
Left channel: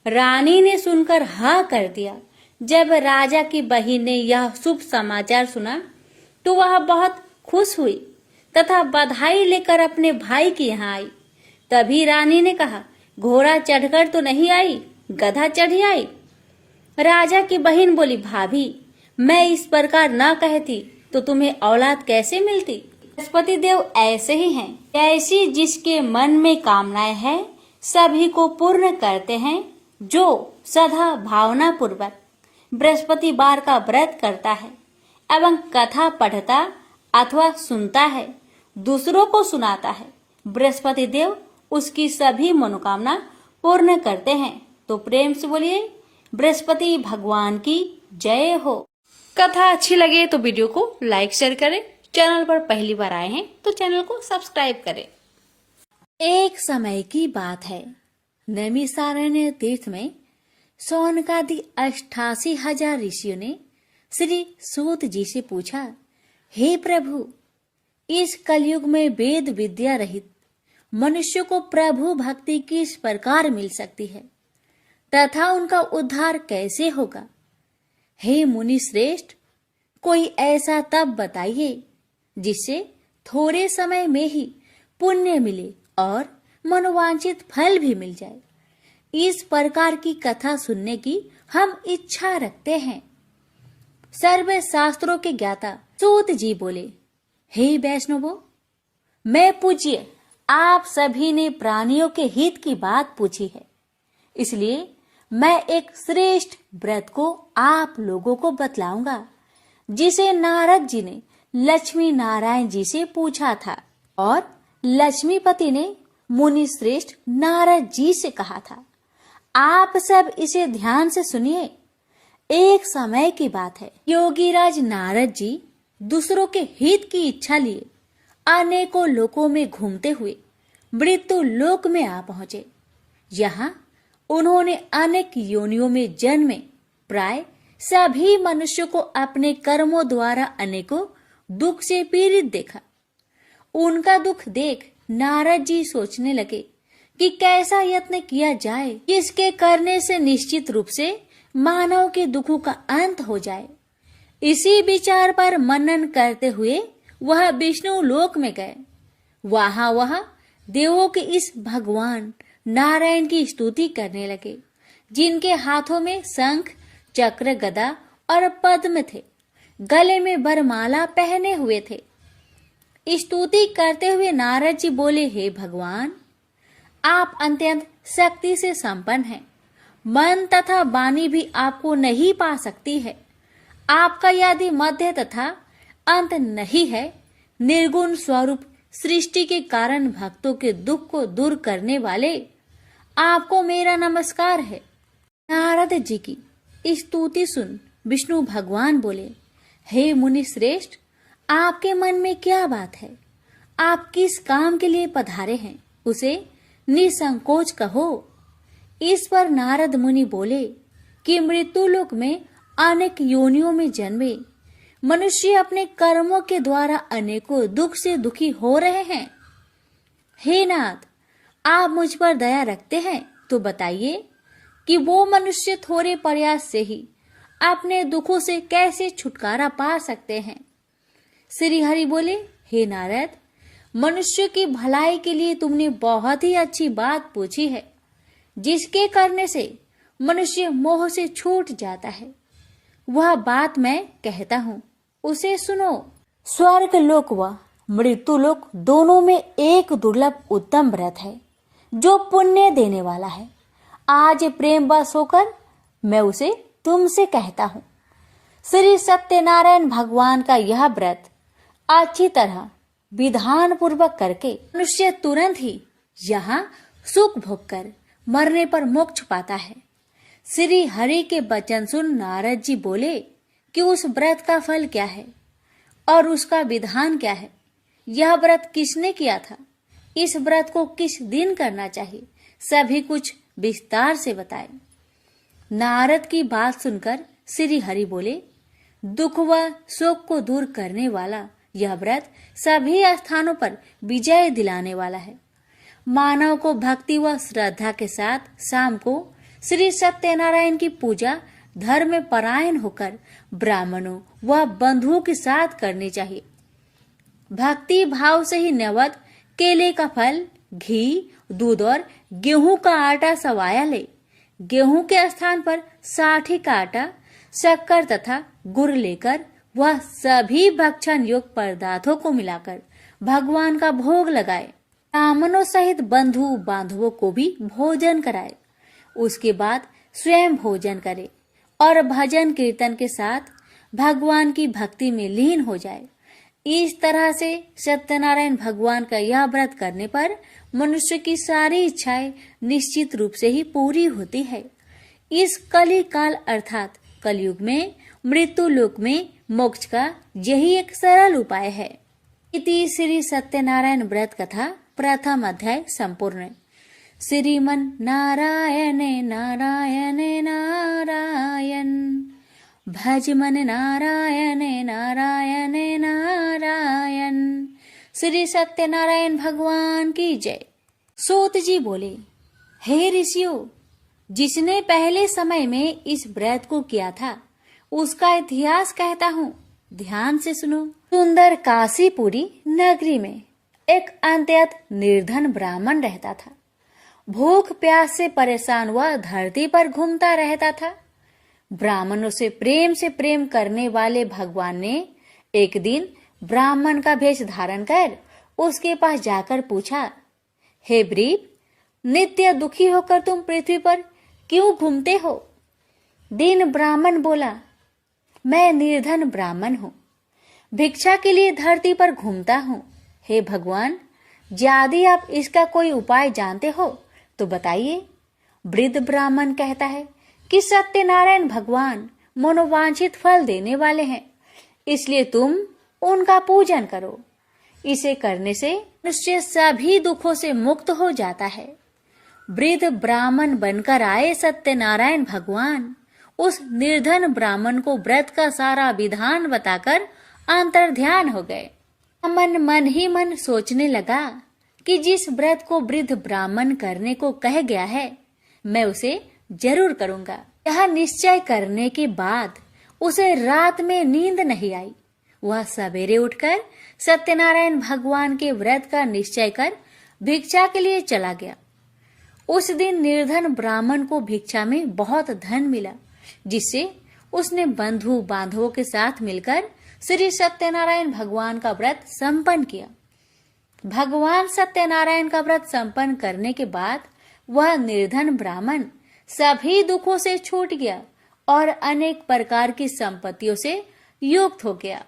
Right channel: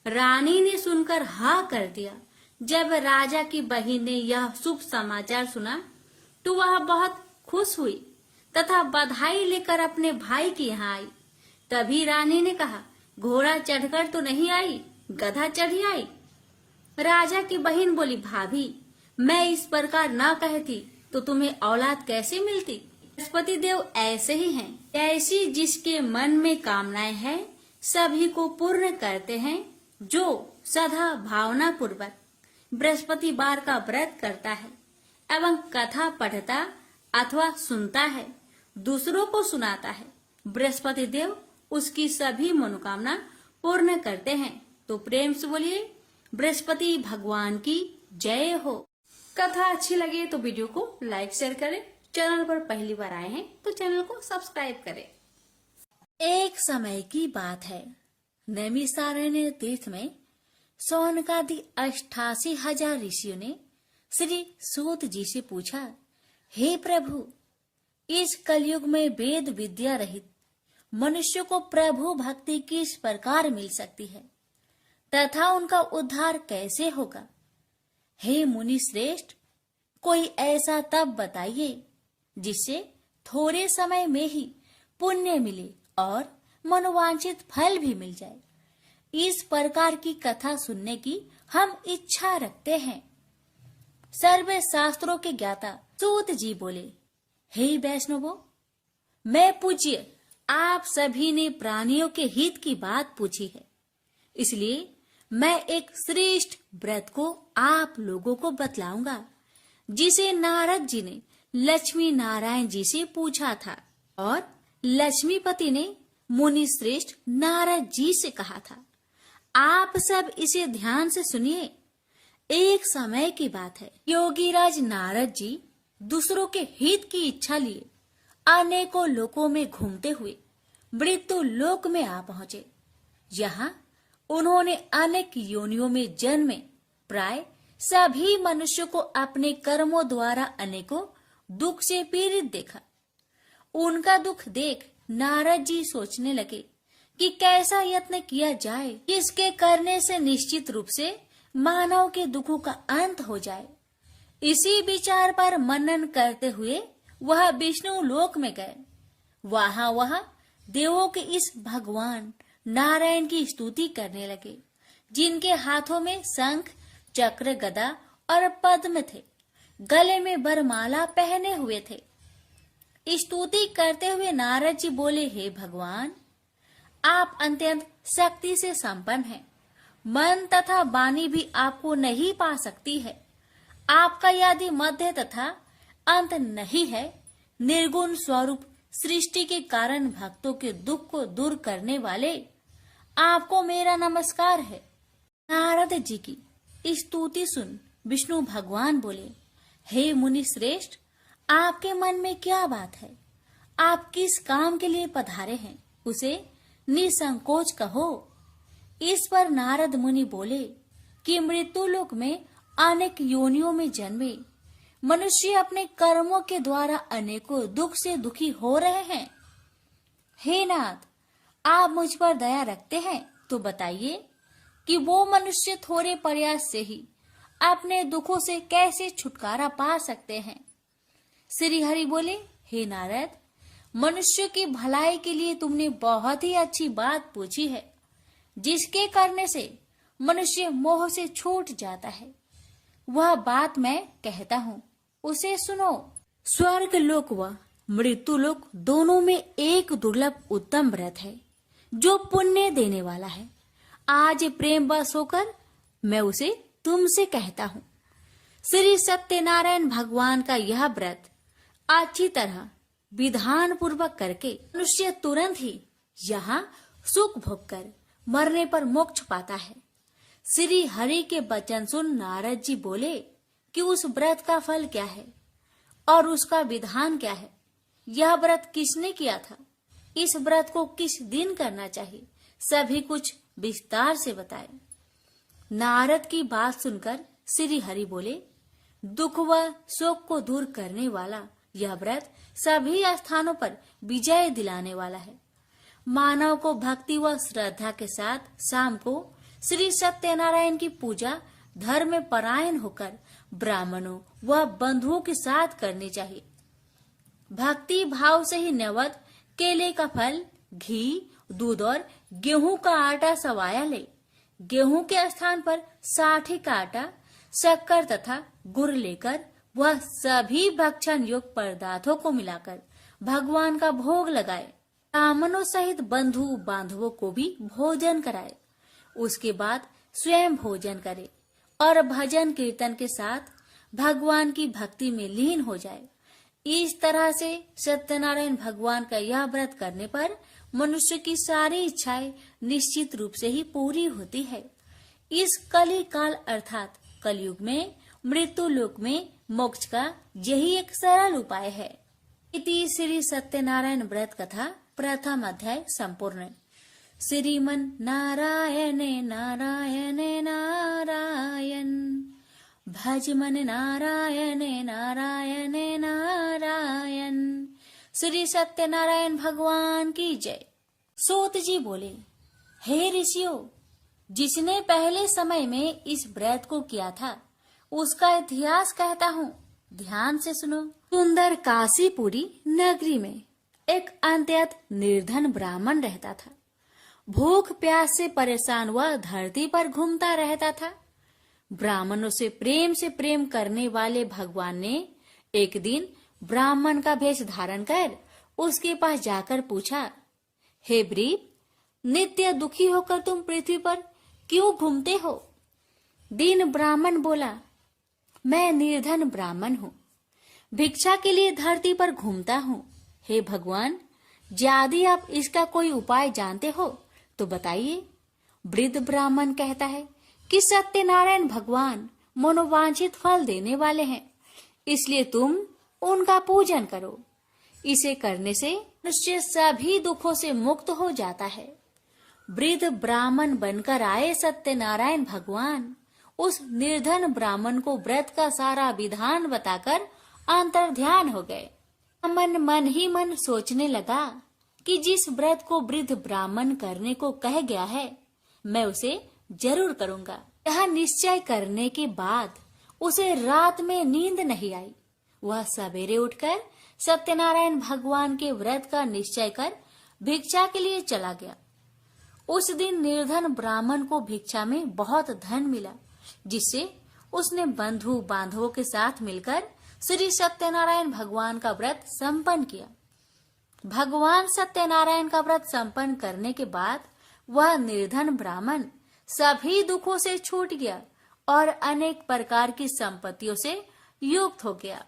रानी ने सुनकर हाँ कर दिया। जब राजा की बहन ने यह शुभ समाचार सुना तो वह बहुत खुश हुई तथा बधाई लेकर अपने भाई के यहाँ आई। तभी रानी ने कहा, घोड़ा चढ़कर तो नहीं आई, गधा चढ़ी आई। राजा की बहन बोली, भाभी, मैं इस प्रकार न कहती तो तुम्हें औलाद कैसे मिलती? बृहस्पति देव ऐसे ही हैं, ऐसी जिसके मन में कामनाएं हैं सभी को पूर्ण करते हैं। जो सदा भावना पूर्वक बृहस्पतिवार का व्रत करता है एवं कथा पढ़ता अथवा सुनता है, दूसरों को सुनाता है, बृहस्पति देव उसकी सभी मनोकामना पूर्ण करते हैं। तो प्रेम से बोलिए, बृहस्पति भगवान की जय हो। कथा अच्छी लगे तो वीडियो को लाइक शेयर करें। चैनल पर पहली बार आए हैं तो चैनल को सब्सक्राइब करें। एक समय की बात है, नैमिषारण्य तीर्थ में सौनकादि 88,000 ऋषियों ने श्री सूत जी से पूछा, हे प्रभु, इस कलयुग में वेद विद्या रहित मनुष्य को प्रभु भक्ति किस प्रकार मिल सकती है तथा उनका उद्धार कैसे होगा? हे मुनि श्रेष्ठ, कोई ऐसा तप बताइए जिससे थोड़े समय में ही पुण्य मिले और मनोवांछित फल भी मिल जाए। इस प्रकार की कथा सुनने की हम इच्छा रखते हैं। सर्व शास्त्रों के ज्ञाता सूत जी बोले, हे वैष्णवों, मैं पूज्य आप सभी ने प्राणियों के हित की बात पूछी है, इसलिए मैं एक श्रेष्ठ व्रत को आप लोगों को बतलाऊंगा, जिसे नारद जी ने लक्ष्मी नारायण जी से पूछा था और लक्ष्मीपति ने मुनि श्रेष्ठ नारद जी से कहा था। आप सब इसे ध्यान से सुनिए। एक समय की बात है, योगीराज नारद जी दूसरों के हित की इच्छा लिए अनेकों लोकों में घूमते हुए मृत्यु लोक में आ पहुंचे। यहाँ उन्होंने अनेक योनियों में जन्मे प्राय सभी मनुष्यों को अपने कर्मों द्वारा अनेकों दुख से पीड़ित देखा। उनका दुख देख नारद जी सोचने लगे कि कैसा यत्न किया जाए जिसके करने से निश्चित रूप से मानव के दुखों का अंत हो जाए। इसी विचार पर मनन करते हुए वह विष्णु लोक में गए। वह देवों के इस भगवान नारायण की स्तुति करने लगे, जिनके हाथों में शंख, चक्र, गदा और पद्म थे, गले में वरमाला पहने हुए थे। स्तुति करते हुए नारद जी बोले, हे भगवान, आप अत्यंत शक्ति से संपन्न हैं। मन तथा वाणी भी आपको नहीं पा सकती है। आपका यदि मध्य तथा अंत नहीं है, निर्गुण स्वरूप सृष्टि के कारण भक्तों के दुख को दूर करने वाले आपको मेरा नमस्कार है। नारद जी की स्तुति सुन विष्णु भगवान बोले, हे मुनि श्रेष्ठ, आपके मन में क्या बात है? आप किस काम के लिए पधारे हैं, उसे निसंकोच कहो। इस पर नारद मुनि बोले कि मृत्यु लोक में अनेक योनियों में जन्मे मनुष्य अपने कर्मों के द्वारा अनेकों दुख से दुखी हो रहे हैं। हे नाथ, आप मुझ पर दया रखते हैं तो बताइए कि वो मनुष्य थोड़े प्रयास से ही अपने दुखों से कैसे छुटकारा पा सकते हैं। श्री हरि बोले, हे नारद, मनुष्य की भलाई के लिए तुमने बहुत ही अच्छी बात पूछी है, जिसके करने से मनुष्य मोह से छूट जाता है। वह बात मैं कहता हूँ, उसे सुनो। स्वर्ग लोक व मृत्यु लोक दोनों में एक दुर्लभ उत्तम व्रत है, जो पुण्य देने वाला है। आज प्रेम वश होकर मैं उसे तुमसे कहता हूँ। श्री सत्यनारायण भगवान का यह व्रत अच्छी तरह विधान पूर्वक करके मनुष्य तुरंत ही यहाँ सुख भोग कर मरने पर मोक्ष पाता है। श्री हरि के वचन सुन नारद जी बोले कि उस व्रत का फल क्या है और उसका विधान क्या है। यह व्रत किसने किया था, इस व्रत को किस दिन करना चाहिए, सभी कुछ विस्तार से बताए। नारद की बात सुनकर श्री हरि बोले, दुख व शोक को दूर करने वाला यह व्रत सभी स्थानों पर विजय दिलाने वाला है। मानव को भक्ति व श्रद्धा के साथ शाम को श्री सत्यनारायण की पूजा धर्म परायण होकर ब्राह्मणों व बंधुओं के साथ करनी चाहिए। भक्ति भाव से ही नैवेद्य केले का फल, घी, दूध और गेहूं का आटा सवाया ले। गेहूं के स्थान पर साठी का आटा, शक्कर तथा गुड़ लेकर वह सभी भक्षण योग्य पदार्थों को मिलाकर भगवान का भोग लगाए। ब्राह्मणों सहित बंधु बांधवों को भी भोजन कराए। उसके बाद स्वयं भोजन करे और भजन कीर्तन के साथ भगवान की भक्ति में लीन हो जाए। इस तरह से सत्यनारायण भगवान का यह व्रत करने पर मनुष्य की सारी इच्छाएं निश्चित रूप से ही पूरी होती है। इस कली काल अर्थात कलयुग में मृत्यु लोक में मोक्ष का यही एक सरल उपाय है। इति श्री सत्यनारायण व्रत कथा प्रथम अध्याय संपूर्ण। श्रीमन नारायण नारायण नारायण, भज मन नारायण नारायण नारायण। श्री सत्यनारायण भगवान की जय। सूत जी बोले, हे ऋषियों, जिसने पहले समय में इस व्रत को किया था उसका इतिहास कहता हूँ, ध्यान से सुनो। सुंदर काशीपुरी नगरी में एक अत्यंत निर्धन ब्राह्मण रहता था। भूख प्यास से परेशान हुआ धरती पर घूमता रहता था। ब्राह्मणों से प्रेम करने वाले भगवान ने एक दिन ब्राह्मण का भेष धारण कर उसके पास जाकर पूछा, हे ब्रीप, नित्य दुखी होकर तुम पृथ्वी पर क्यों घूमते हो? दीन ब्राह्मण बोला, मैं निर्धन ब्राह्मण हूँ, भिक्षा के लिए धरती पर घूमता हूँ। हे भगवान, यदि आप इसका कोई उपाय जानते हो तो बताइए। वृद्ध ब्राह्मण कहता है कि सत्यनारायण भगवान मनोवांछित फल देने वाले हैं, इसलिए तुम उनका पूजन करो। इसे करने से मनुष्य सभी दुखों से मुक्त हो जाता है। वृद्ध ब्राह्मण बनकर आए सत्यनारायण भगवान उस निर्धन ब्राह्मण को व्रत का सारा विधान बताकर अंतर्ध्यान हो गए। ब्राह्मण मन ही मन सोचने लगा कि जिस व्रत को वृद्ध ब्राह्मण करने को कह गया है, मैं उसे जरूर करूंगा। यह निश्चय करने के बाद उसे रात में नींद नहीं आई। वह सवेरे उठकर सत्यनारायण भगवान के व्रत का निश्चय कर भिक्षा के लिए चला गया। उस दिन निर्धन ब्राह्मण को भिक्षा में बहुत धन मिला, जिससे उसने बंधु बांधवों के साथ मिलकर श्री सत्यनारायण भगवान का व्रत संपन्न किया। भगवान सत्यनारायण का व्रत संपन्न करने के बाद वह निर्धन ब्राह्मण सभी दुखों से छूट गया और अनेक प्रकार की संपत्तियों से युक्त हो गया।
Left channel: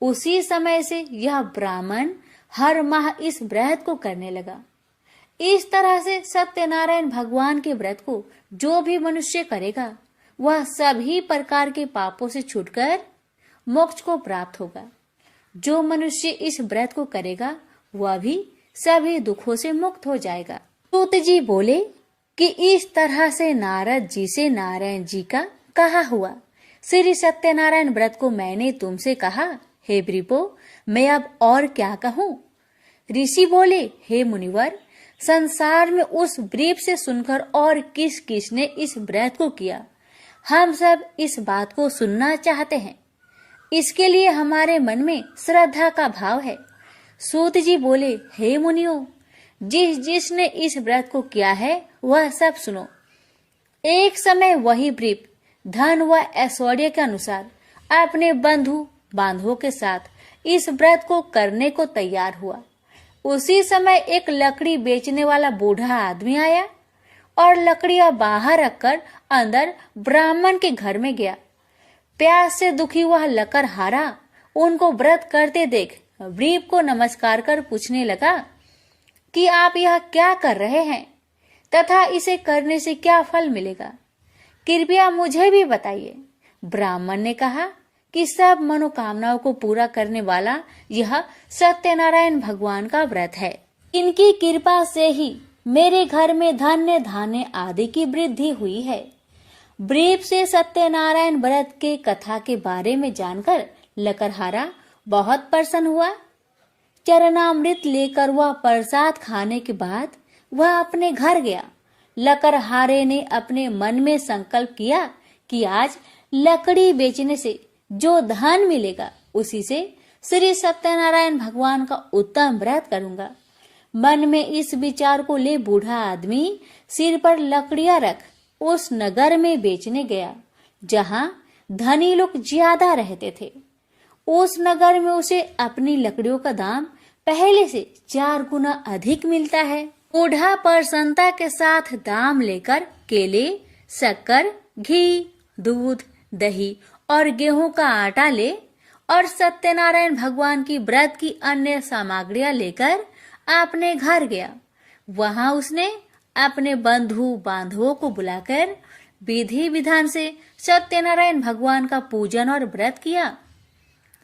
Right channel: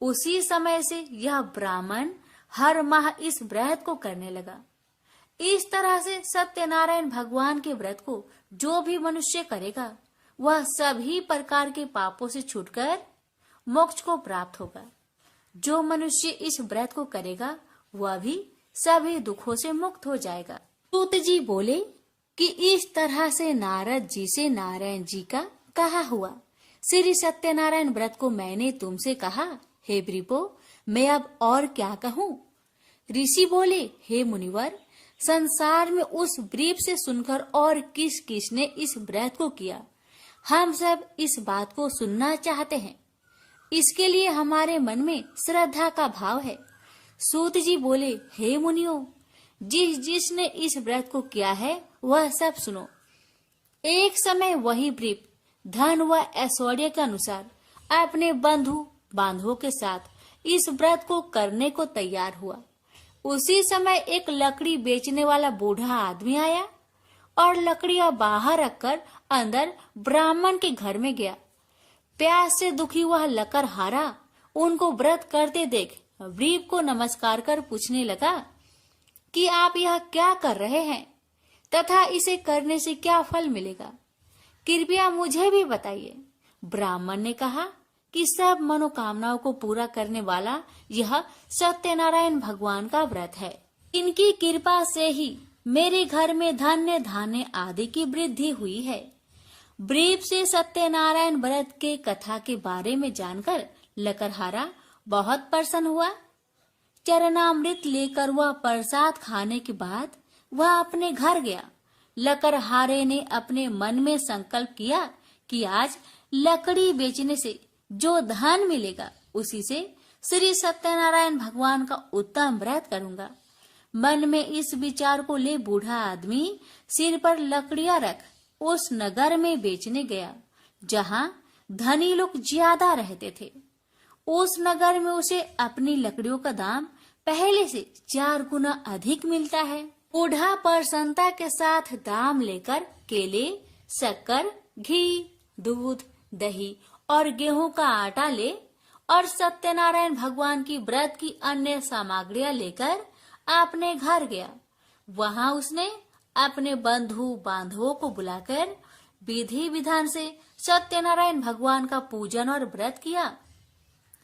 उसी समय से यह ब्राह्मण हर माह इस व्रत को करने लगा। इस तरह से सत्यनारायण भगवान के व्रत को जो भी मनुष्य करेगा वह सभी प्रकार के पापों से छूटकर मोक्ष को प्राप्त होगा। जो मनुष्य इस व्रत को करेगा वह भी सभी दुखों से मुक्त हो जाएगा। सूत जी बोले कि इस तरह से नारद जी से नारायण जी का कहा हुआ श्री सत्यनारायण व्रत को मैंने तुमसे कहा। हे वृपो, मैं अब और क्या कहूँ? ऋषि बोले, हे मुनिवर, संसार में उस व्रीप से सुनकर और किस किस ने इस व्रत को किया, हम सब इस बात को सुनना चाहते हैं। इसके लिए हमारे मन में श्रद्धा का भाव है। सूत जी बोले, हे मुनियों, जिसने इस व्रत को किया है वह सब सुनो। एक समय वही व्रीप धन व ऐश्वर्य के अनुसार अपने बंधु बांधवों के साथ इस व्रत को करने को तैयार हुआ। उसी समय एक लकड़ी बेचने वाला बूढ़ा आदमी आया और लकड़ियां बाहर रखकर अंदर ब्राह्मण के घर में गया। प्यास से दुखी हुआ लकड़हारा उनको व्रत करते देख व्रीप को नमस्कार कर पूछने लगा कि आप यह क्या कर रहे हैं तथा इसे करने से क्या फल मिलेगा, कृपया मुझे भी बताइए। ब्राह्मण ने कहा कि सब मनोकामनाओं को पूरा करने वाला यह सत्यनारायण भगवान का व्रत है। इनकी कृपा से ही मेरे घर में धन्य धान्य आदि की वृद्धि हुई है। व्रीप से सत्यनारायण व्रत के कथा के बारे में जानकर लकड़हारा बहुत प्रसन्न हुआ। चरणामृत लेकर वह प्रसाद खाने के बाद वह अपने घर गया। लकड़हारे ने अपने मन में संकल्प किया कि आज लकड़ी बेचने से जो धन मिलेगा उसी से श्री सत्यनारायण भगवान का उत्तम व्रत करूंगा। मन में इस विचार को ले बूढ़ा आदमी सिर पर लकड़ियां रख उस नगर में बेचने गया जहां धनी लोग ज्यादा रहते थे। उस नगर में उसे अपनी लकड़ियों का दाम पहले से 4 गुना अधिक मिलता है। बूढ़ा प्रसन्नता के साथ दाम लेकर केले, शक्कर, घी, दूध, दही और गेहूं का आटा ले और सत्यनारायण भगवान की व्रत की अन्य सामग्रियां लेकर अपने घर गया। वहां उसने अपने बंधु बांधवों को बुलाकर विधि विधान से सत्यनारायण भगवान का पूजन और व्रत किया।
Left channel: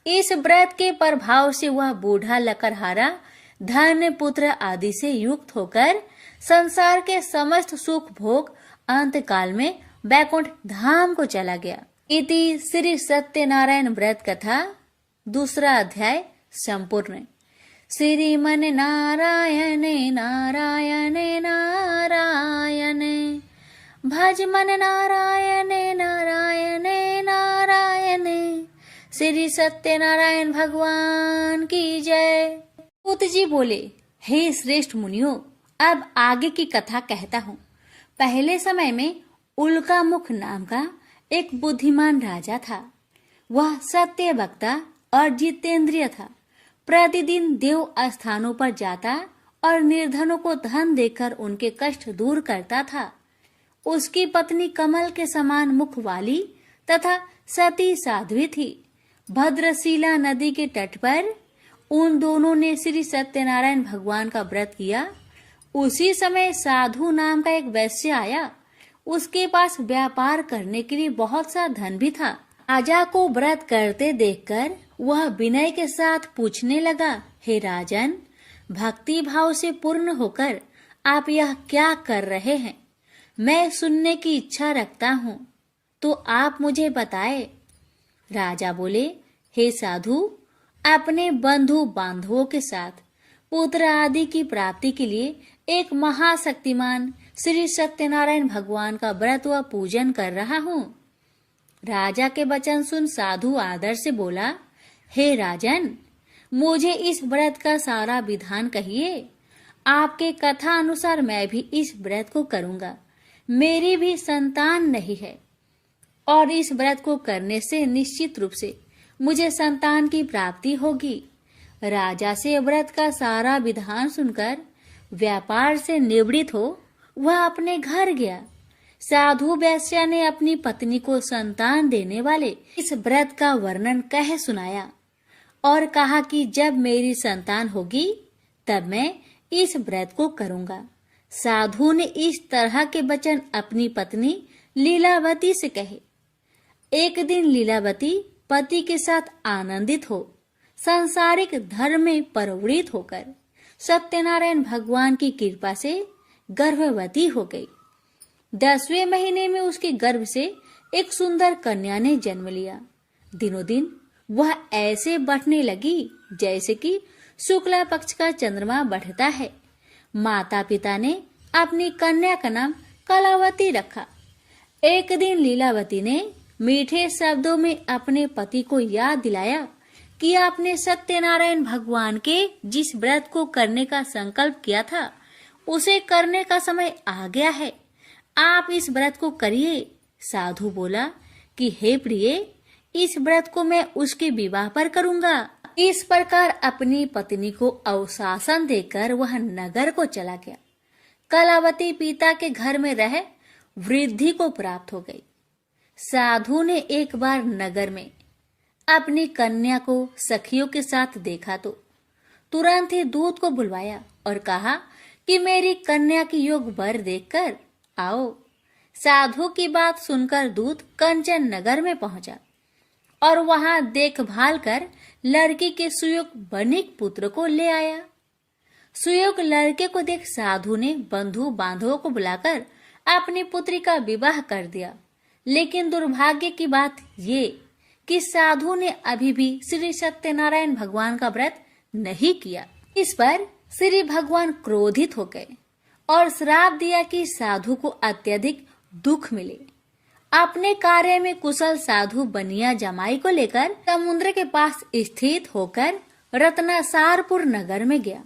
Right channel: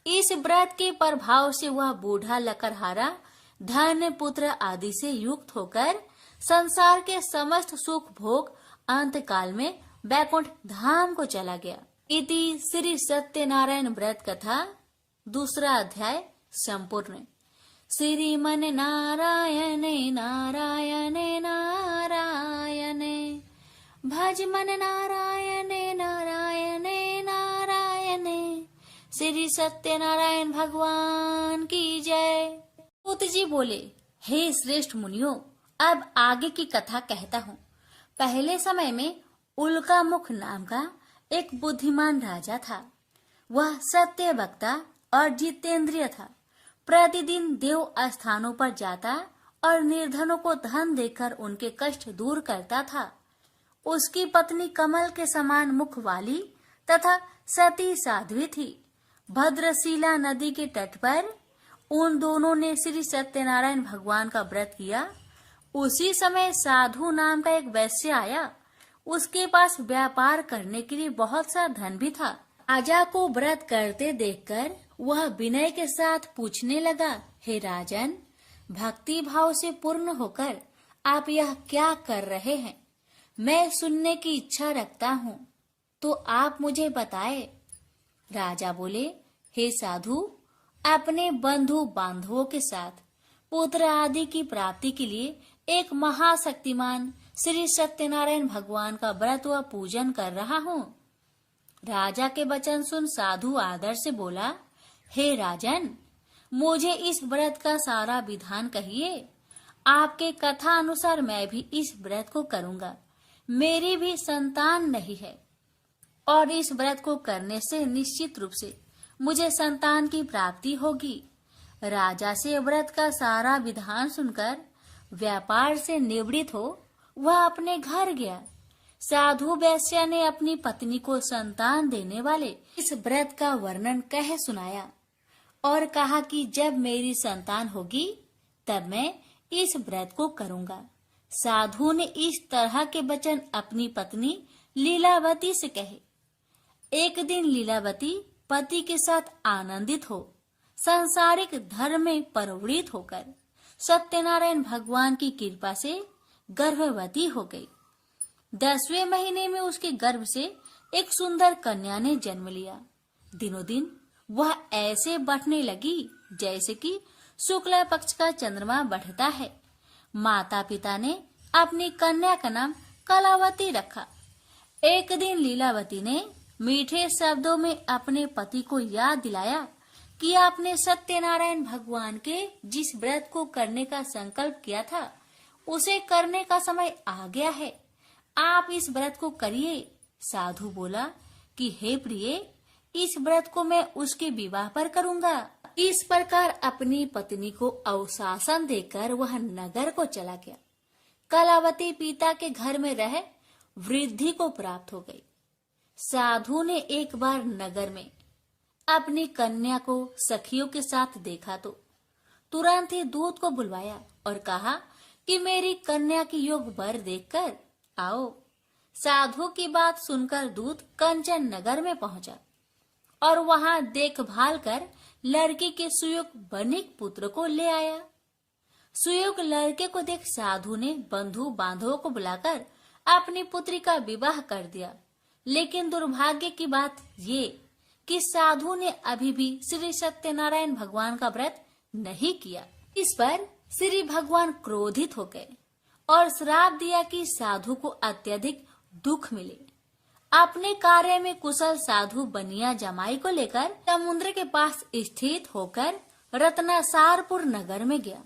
इस व्रत के प्रभाव से वह बूढ़ा लकड़हारा धन पुत्र आदि से युक्त होकर संसार के समस्त सुख भोग अंत काल में वैकुंठ धाम को चला गया। इति श्री सत्यनारायण व्रत कथा 2 अध्याय संपूर्ण। श्रीमन नारायणे नारायणे नारायणे भज मन नारायणे नारायणे नारायणे। श्री सत्यनारायण भगवान की जय। सूत जी बोले, हे श्रेष्ठ मुनियों, अब आगे की कथा कहता हूँ। पहले समय में उल्कामुख नाम का एक बुद्धिमान राजा था। वह सत्य वक्ता और जितेंद्रिय था। प्रतिदिन देव स्थानों पर जाता और निर्धनों को धन देकर उनके कष्ट दूर करता था। उसकी पत्नी कमल के समान मुख वाली तथा सती साध्वी थी। भद्रशिला नदी के तट पर उन दोनों ने श्री सत्यनारायण भगवान का व्रत किया। उसी समय साधु नाम का एक वैश्य आया। उसके पास व्यापार करने के लिए बहुत सा धन भी था। राजा को व्रत करते देखकर वह विनय के साथ पूछने लगा, हे राजन, भक्ति भाव से पूर्ण होकर आप यह क्या कर रहे हैं? मैं सुनने की इच्छा रखता हूँ, तो आप मुझे बताए। राजा बोले, हे साधु, अपने बंधु बांधवों के साथ पुत्र आदि की प्राप्ति के लिए एक महाशक्तिमान श्री सत्यनारायण भगवान का व्रत व पूजन कर रहा हूँ। राजा के वचन सुन साधु आदर से बोला, हे राजन, मुझे इस व्रत का सारा विधान कहिए। आपके कथा अनुसार मैं भी इस व्रत को करूंगा। मेरी भी संतान नहीं है और इस व्रत को करने से निश्चित रूप से मुझे संतान की प्राप्ति होगी। राजा से व्रत का सारा विधान सुनकर व्यापार से निवृत्त हो वह अपने घर गया। साधु वैश्य ने अपनी पत्नी को संतान देने वाले इस व्रत का वर्णन कह सुनाया और कहा कि जब मेरी संतान होगी तब मैं इस व्रत को करूंगा। साधु ने इस तरह के वचन अपनी पत्नी लीलावती से कहे। एक दिन लीलावती पति के साथ आनंदित हो सांसारिक धर्म में प्रवृत्त होकर सत्यनारायण भगवान की कृपा से गर्भवती हो गई। 10वें महीने में उसके गर्भ से एक सुंदर कन्या ने जन्म लिया। दिनों दिन वह ऐसे बढ़ने लगी जैसे कि शुक्ला पक्ष का चंद्रमा बढ़ता है। माता पिता ने अपनी कन्या का नाम कलावती रखा। एक दिन लीलावती ने मीठे शब्दों में अपने पति को याद दिलाया कि आपने सत्यनारायण भगवान के जिस व्रत को करने का संकल्प किया था उसे करने का समय आ गया है। आप इस व्रत को करिए। साधु बोला कि हे प्रिय, इस व्रत को मैं उसके विवाह पर करूंगा। इस प्रकार अपनी पत्नी को अवशासन देकर वह नगर को चला गया। कलावती पिता के घर में रह वृद्धि को प्राप्त हो गई। साधु ने एक बार नगर में अपनी कन्या को सखियों के साथ देखा तो तुरंत ही दूत को बुलवाया और कहा कि मेरी कन्या की योग वर देखकर आओ। साधु की बात सुनकर दूत कंचन नगर में पहुंचा और वहां देखभाल कर लड़की के सुयोग बनिक पुत्र को ले आया। सुयोग लड़के को देख साधु ने बंधु बांधवों को बुलाकर अपनी पुत्री का विवाह कर दिया। लेकिन दुर्भाग्य की बात ये कि साधु ने अभी भी श्री सत्यनारायण भगवान का व्रत नहीं किया। इस पर श्री भगवान क्रोधित हो गए और श्राप दिया कि साधु को अत्यधिक दुख मिले। अपने कार्य में कुशल साधु बनिया जमाई को लेकर समुद्र के पास स्थित होकर रत्नासारपुर नगर में गया।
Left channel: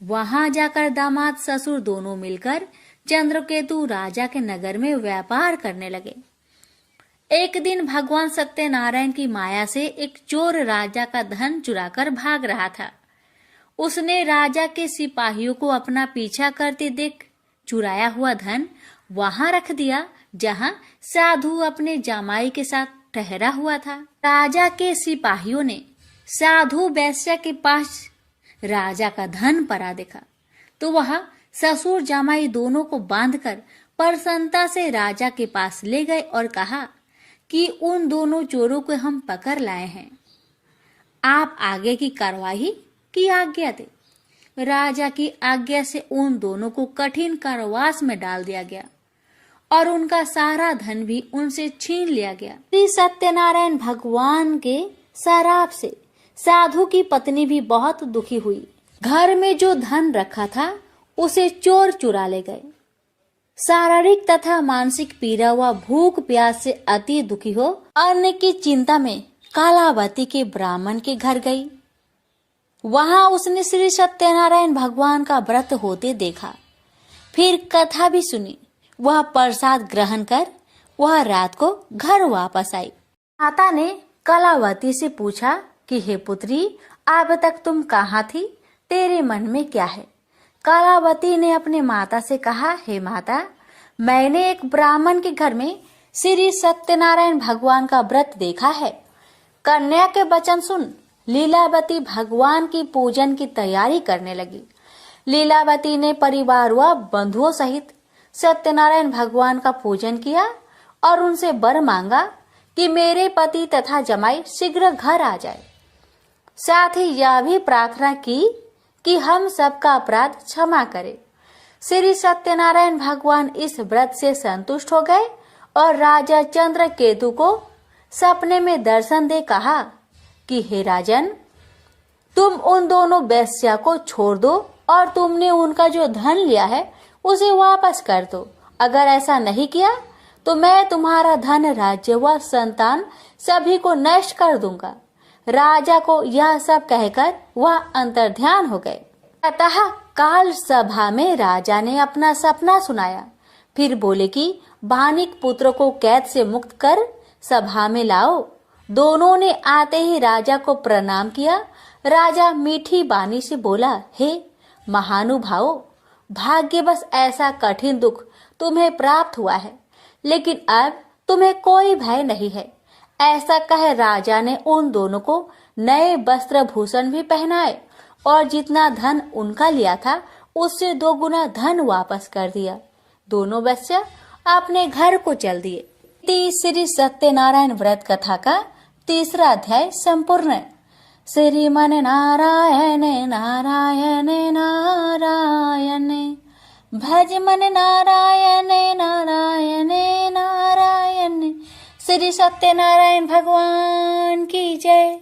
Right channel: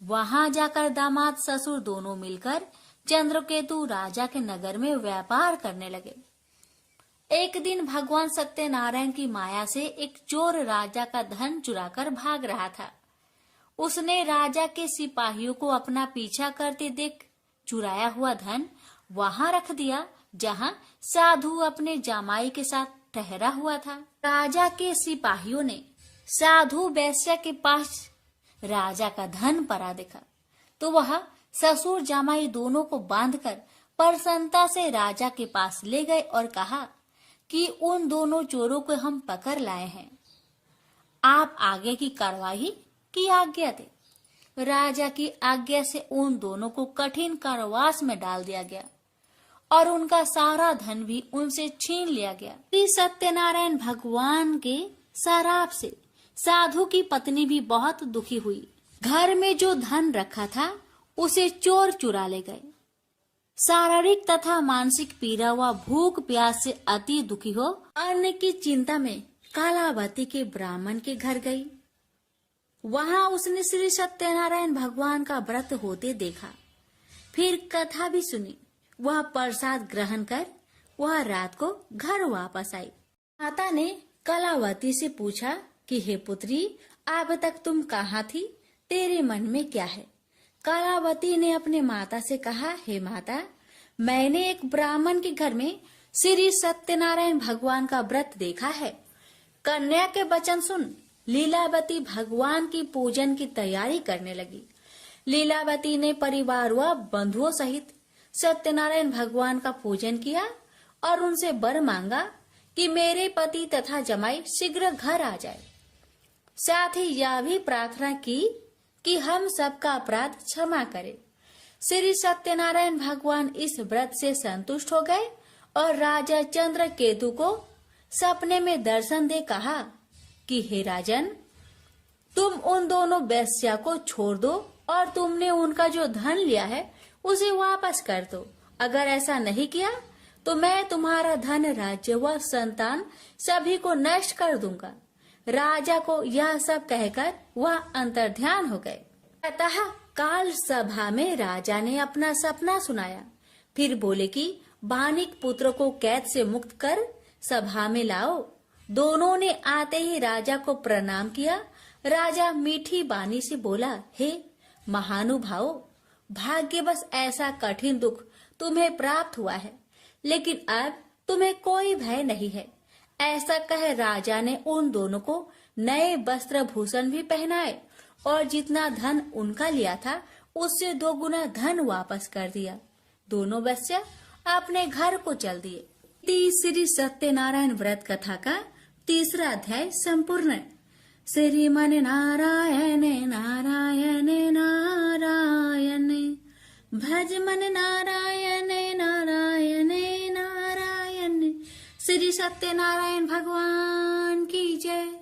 वहां जाकर दामाद ससुर दोनों मिलकर चंद्रकेतु राजा के नगर में व्यापार करने लगे। एक दिन भगवान सत्यनारायण की माया से एक चोर राजा का धन चुराकर भाग रहा था। उसने राजा के सिपाहियों को अपना पीछा करते देख चुराया हुआ धन वहां रख दिया जहां साधु अपने जमाई के साथ ठहरा हुआ था। राजा के सिपाहियों ने साधु वैश्य के पास राजा का धन पड़ा देखा तो वह ससुर जमाई दोनों को बांधकर प्रसन्नता से राजा के पास ले गए और कहा कि उन दोनों चोरों को हम पकड़ लाए हैं, आप आगे की कार्यवाही की आज्ञा दे। राजा की आज्ञा से उन दोनों को कठिन कारावास में डाल दिया गया और उनका सारा धन भी उनसे छीन लिया गया। श्री सत्यनारायण भगवान के शराप से साधु की पत्नी भी बहुत दुखी हुई। घर में जो धन रखा था उसे चोर चुरा ले गए। शारीरिक तथा मानसिक पीड़ा व भूख प्यास से अति दुखी हो अन्न की चिंता में कालावती के ब्राह्मण के घर गई। वहां उसने श्री सत्यनारायण भगवान का व्रत होते देखा। फिर कथा भी सुनी। वह प्रसाद ग्रहण कर वह रात को घर वापस आई। माता ने कलावती से पूछा कि हे पुत्री, अब तक तुम कहाँ थी? तेरे मन में क्या है? कलावती ने अपने माता से कहा, हे माता, मैंने एक ब्राह्मण के घर में श्री सत्यनारायण भगवान का व्रत देखा है। कन्या के वचन सुन लीलावती भगवान की पूजन की तैयारी करने लगी। लीलावती ने परिवार व बंधुओं सहित सत्यनारायण भगवान का पूजन किया और उनसे वर मांगा कि मेरे पति तथा जमाई शीघ्र घर आ जाए। साथ ही यह भी प्रार्थना की कि हम सबका अपराध क्षमा करे। श्री सत्यनारायण भगवान इस व्रत से संतुष्ट हो गए और राजा चंद्रकेतु को सपने में दर्शन दे कहा कि हे राजन, तुम उन दोनों वेश्या को छोड़ दो और तुमने उनका जो धन लिया है उसे वापस कर दो। अगर ऐसा नहीं किया तो मैं तुम्हारा धन, राज्य व संतान सभी को नष्ट कर दूंगा। राजा को यह सब कहकर वह अंतर्ध्यान हो गए। अतः काल सभा में राजा ने अपना सपना सुनाया। फिर बोले कि बानिक पुत्र को कैद से मुक्त कर सभा में लाओ। दोनों ने आते ही राजा को प्रणाम किया। राजा मीठी बानी से बोला, हे महानुभावों, भाग्यवश ऐसा कठिन दुख तुम्हें प्राप्त हुआ है, लेकिन अब तुम्हें कोई भय नहीं है। ऐसा कह राजा ने उन दोनों को नए वस्त्र भूषण भी पहनाए और जितना धन उनका लिया था उससे 2 गुना धन वापस कर दिया। दोनों वेश्या अपने घर को चल दिए। श्री सत्यनारायण व्रत कथा का 3रा अध्याय संपूर्ण। श्रीमन नारायण नारायण नारायण, भज मन नारायण नारायण नारायण। श्री सत्यनारायण भगवान की जय।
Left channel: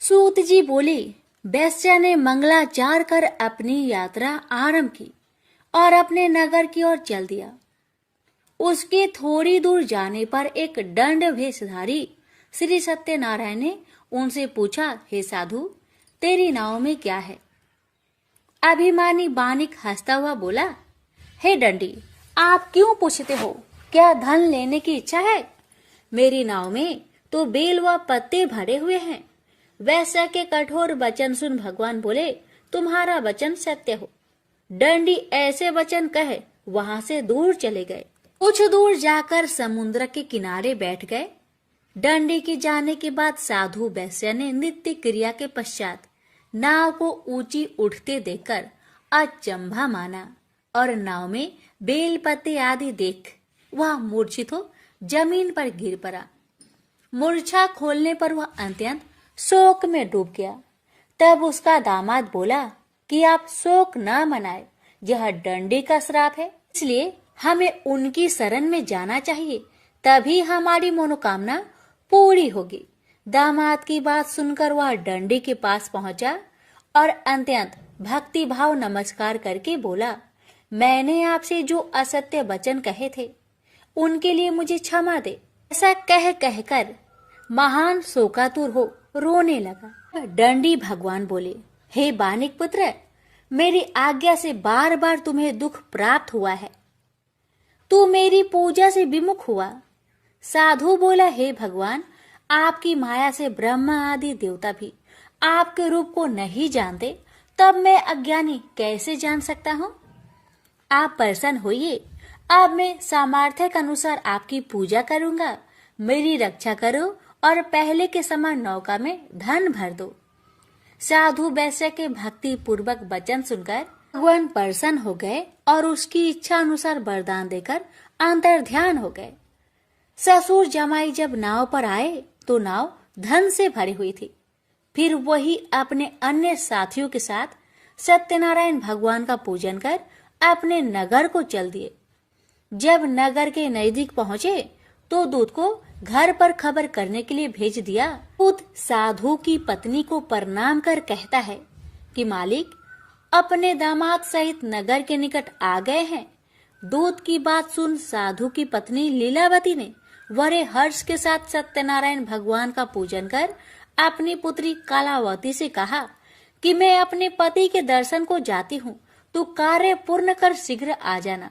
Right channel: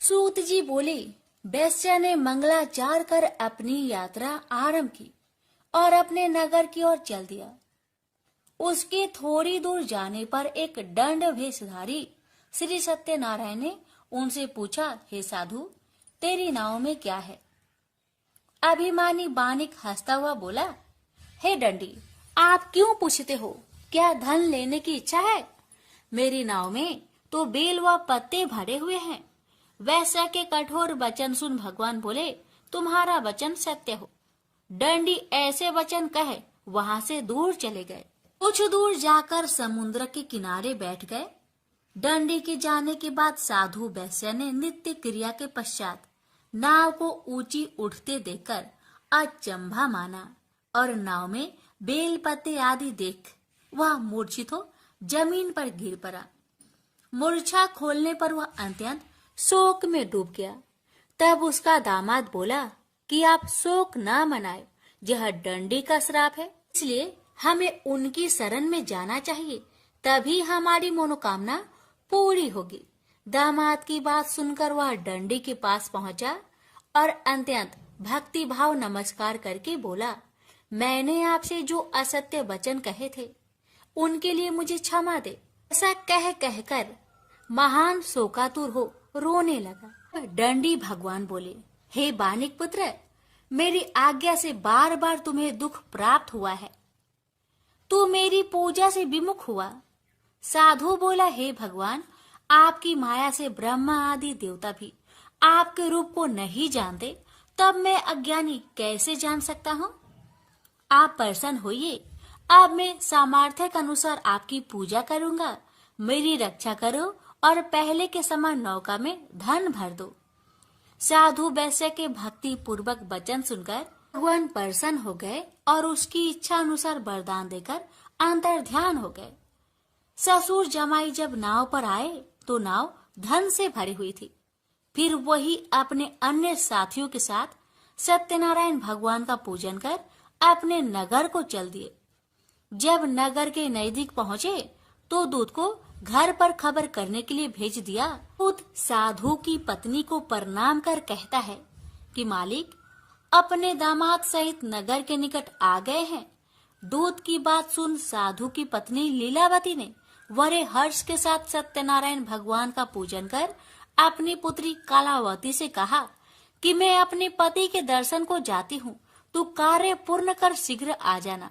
सूत जी बोले, वेश्या ने मंगलाचार कर अपनी यात्रा आरंभ की और अपने नगर की ओर चल दिया। उसके थोड़ी दूर जाने पर एक दंड वेशधारी श्री सत्यनारायण ने उनसे पूछा, हे साधु, तेरी नाव में क्या है? अभिमानी बानिक हंसता हुआ बोला, हे दंडी, आप क्यों पूछते हो? क्या धन लेने की इच्छा है? मेरी नाव में तो बेल व पत्ते भरे हुए हैं। वैश्या के कठोर वचन सुन भगवान बोले, तुम्हारा वचन सत्य हो। दंडी ऐसे वचन कह वहां से दूर चले गए। कुछ दूर जाकर समुद्र के किनारे बैठ गए। दंडी के जाने के बाद साधु वैश्या ने नित्य क्रिया के पश्चात नाव को ऊंची उठते देखकर अचंभा माना और नाव में बेल पत्ते आदि देख वह मूर्छित हो जमीन पर गिर पड़ा। मूर्छा खोलने पर वह अत्यंत शोक में डूब गया। तब उसका दामाद बोला कि आप शोक न मनाए, यह दंडी का श्राप है, इसलिए हमें उनकी शरण में जाना चाहिए, तभी हमारी मनोकामना पूरी होगी। दामाद की बात सुनकर वह दंडी के पास पहुंचा और अत्यंत भक्ति भाव नमस्कार करके बोला, मैंने आपसे जो असत्य वचन कहे थे उनके लिए मुझे क्षमा दे। ऐसा कह कहकर महान शोकातुर हो रोने लगा। दंडी भगवान बोले, हे बानिक पुत्र, मेरी आज्ञा से बार बार तुम्हें दुख प्राप्त हुआ है, तू मेरी पूजा से विमुख हुआ। साधु बोला, हे भगवान, आपकी माया से ब्रह्मा आदि देवता भी आपके रूप को नहीं जानते, तब मैं अज्ञानी कैसे जान सकता हूँ? आप प्रसन्न होइए, अब मैं सामर्थ्य के अनुसार आपकी पूजा करूंगा। मेरी रक्षा करो और पहले के समान नौका में धन भर दो। साधु वैश्य के भक्ति पूर्वक वचन सुनकर भगवान प्रसन्न हो गए और उसकी इच्छा अनुसार वरदान देकर अंतर्ध्यान हो गए। ससुर जमाई जब नाव पर आए तो नाव धन से भरी हुई थी। फिर वही अपने अन्य साथियों के साथ सत्यनारायण भगवान का पूजन कर अपने नगर को चल दिए। जब नगर के नजदीक पहुंचे तो दूत को घर पर खबर करने के लिए भेज दिया। दूत साधु की पत्नी को प्रणाम कर कहता है कि मालिक अपने दामाद सहित नगर के निकट आ गए हैं। दूत की बात सुन साधु की पत्नी लीलावती ने बड़े हर्ष के साथ सत्यनारायण भगवान का पूजन कर अपनी पुत्री कलावती से कहा कि मैं अपने पति के दर्शन को जाती हूँ, तो कार्य पूर्ण कर शीघ्र आ जाना।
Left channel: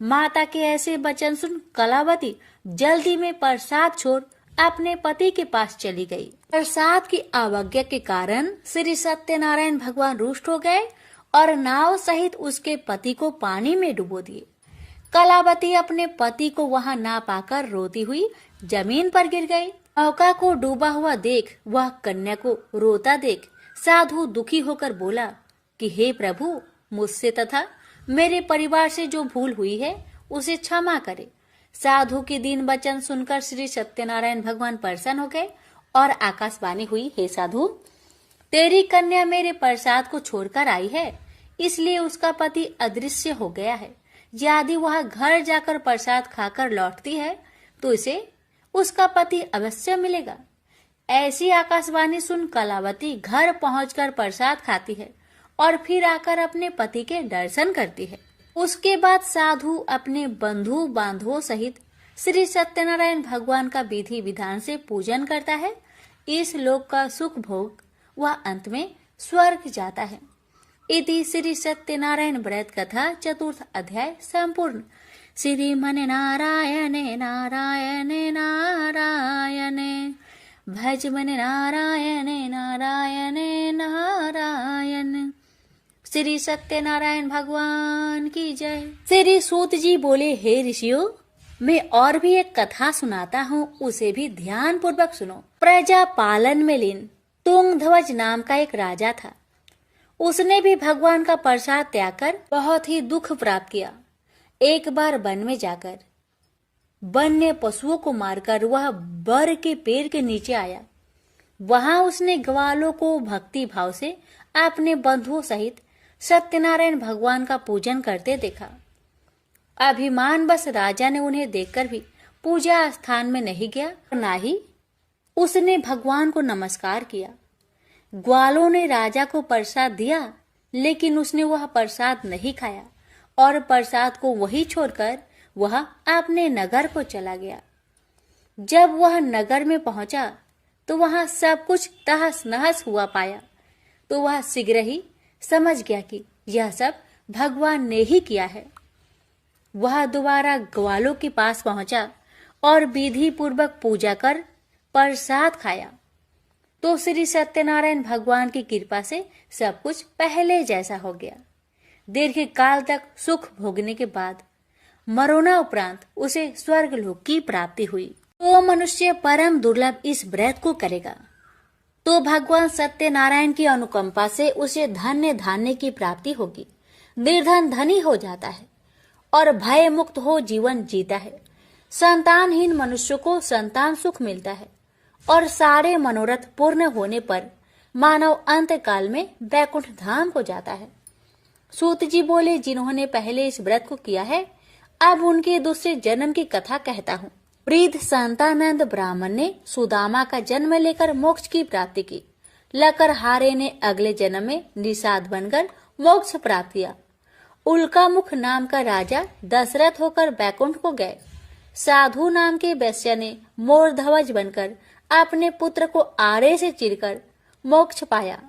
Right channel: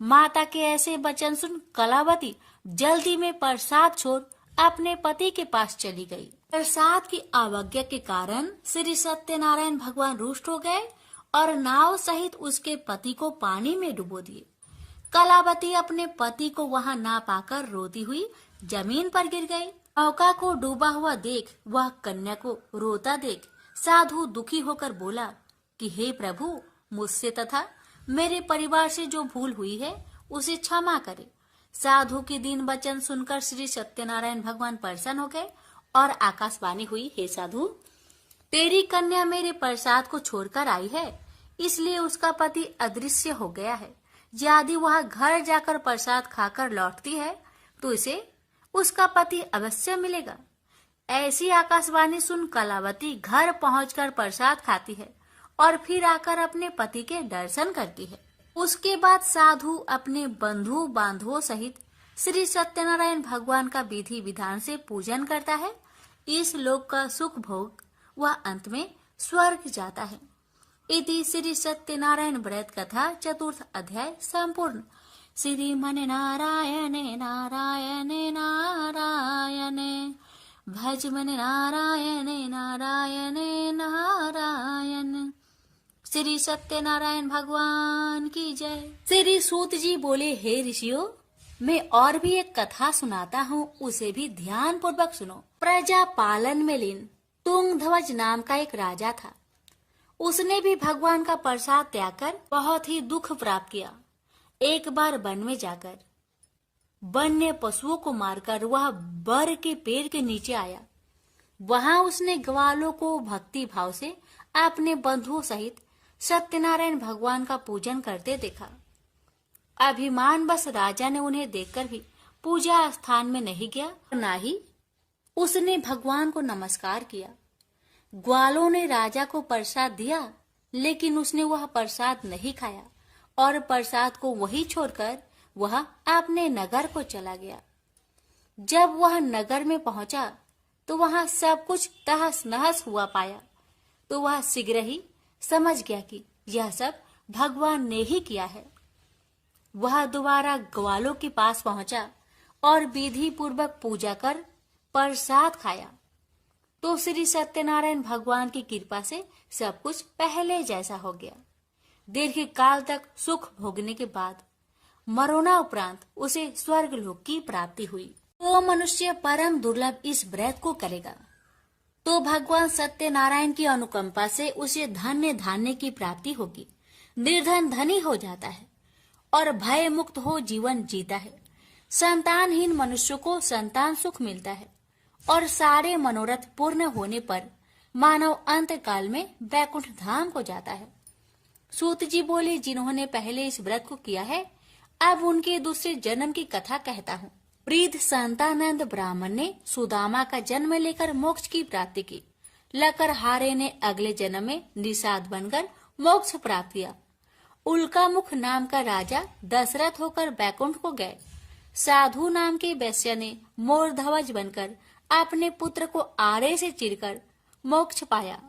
माता के ऐसे वचन सुन कलावती जल्दी में प्रसाद छोड़ अपने पति के पास चली गई। प्रसाद की अवज्ञा के कारण श्री सत्यनारायण भगवान रुष्ट हो गए और नाव सहित उसके पति को पानी में डुबो दिए। कलावती अपने पति को वहां ना पाकर रोती हुई जमीन पर गिर गई। नौका को डूबा हुआ देख वह कन्या को रोता देख साधु दुखी होकर बोला कि हे प्रभु, मुझसे तथा मेरे परिवार से जो भूल हुई है उसे क्षमा करे। साधु के दीन वचन सुनकर श्री सत्यनारायण भगवान प्रसन्न हो गए और आकाशवाणी हुई, हे साधु, तेरी कन्या मेरे प्रसाद को छोड़कर आई है, इसलिए उसका पति अदृश्य हो गया है। यदि वह घर जाकर प्रसाद खाकर लौटती है तो इसे उसका पति अवश्य मिलेगा। ऐसी आकाशवाणी सुन कलावती घर पहुंचकर प्रसाद खाती है और फिर आकर अपने पति के दर्शन करती है। उसके बाद साधु अपने बंधु बांधवों सहित श्री सत्यनारायण भगवान का विधि विधान से पूजन करता है। इस लोक का सुख भोग वह अंत में स्वर्ग जाता है। इति श्री सत्यनारायण व्रत कथा चतुर्थ अध्याय संपूर्ण। श्रीमन नारायणे नारायणे नारायणे भज मन नारायणे नारायणे नारायण। श्री सत्यनारायण भगवान की जय। श्री सूत जी बोले, हे ऋषियों, मैं और भी एक कथा सुनाता हूँ, उसे भी ध्यान पूर्वक सुनो। प्रजा पालन में लीन तुंगध्वज नाम का एक राजा था। उसने भी भगवान का प्रसाद त्याग कर बहुत ही दुख प्राप्त किया। एक बार वन में जाकर वन्य पशुओं को मारकर वह बर के पेड़ के नीचे आया। वहां उसने ग्वालों को भक्ति भाव से अपने बंधुओं सहित सत्यनारायण भगवान का पूजन करते देखा। अभिमान बस राजा ने उन्हें देखकर भी पूजा स्थान में नहीं गया, न ही उसने भगवान को नमस्कार किया। ग्वालों ने राजा को प्रसाद दिया, लेकिन उसने वह प्रसाद नहीं खाया और प्रसाद को वहीं छोड़कर वह अपने नगर को चला गया। जब वह नगर में पहुंचा तो वहां सब कुछ तहस नहस हुआ पाया, तो वह शीघ्र ही समझ गया कि यह सब भगवान ने ही किया है। वह दोबारा ग्वालों के पास पहुंचा और विधि पूर्वक पूजा कर प्रसाद खाया, तो श्री सत्यनारायण भगवान की कृपा से सब कुछ पहले जैसा हो गया। दीर्घ काल तक सुख भोगने के बाद मरोना उपरांत उसे स्वर्ग लोक की प्राप्ति हुई। तो मनुष्य परम दुर्लभ इस व्रत को करेगा तो भगवान सत्यनारायण की अनुकंपा से उसे धन्य धान्य की प्राप्ति होगी। निर्धन धनी हो जाता है और भय मुक्त हो जीवन जीता है। संतानहीन मनुष्य को संतान सुख मिलता है और सारे मनोरथ पूर्ण होने पर मानव अंत काल में वैकुंठ धाम को जाता है। सूत जी बोले, जिन्होंने पहले इस व्रत को किया है, अब उनके दूसरे जन्म की कथा कहता हूँ। वृद्ध संतानंद ब्राह्मण ने सुदामा का जन्म लेकर मोक्ष की प्राप्ति की। लकरहारे ने अगले जन्म में निषाद बनकर मोक्ष प्राप्त किया। उल्कामुख नाम का राजा दशरथ होकर बैकुंठ को गए। साधु नाम के वैश्य ने मोरध्वज बनकर अपने पुत्र को आरे से चीरकर मोक्ष पाया।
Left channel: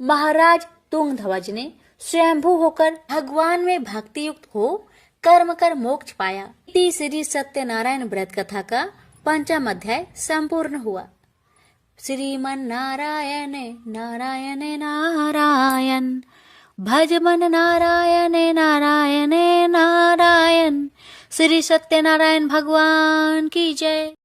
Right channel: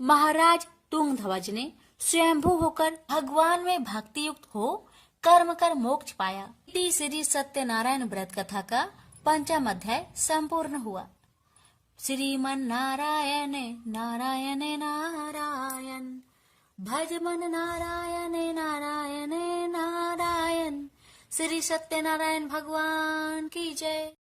महाराज तुंगध्वज ने स्वयंभू होकर भगवान में भक्ति युक्त हो कर्म कर मोक्ष पाया। श्री सत्यनारायण व्रत कथा का 5वां अध्याय संपूर्ण हुआ। श्रीमन नारायण नारायण नारायण भज मन नारायण नारायण नारायण। श्री सत्यनारायण भगवान की जय।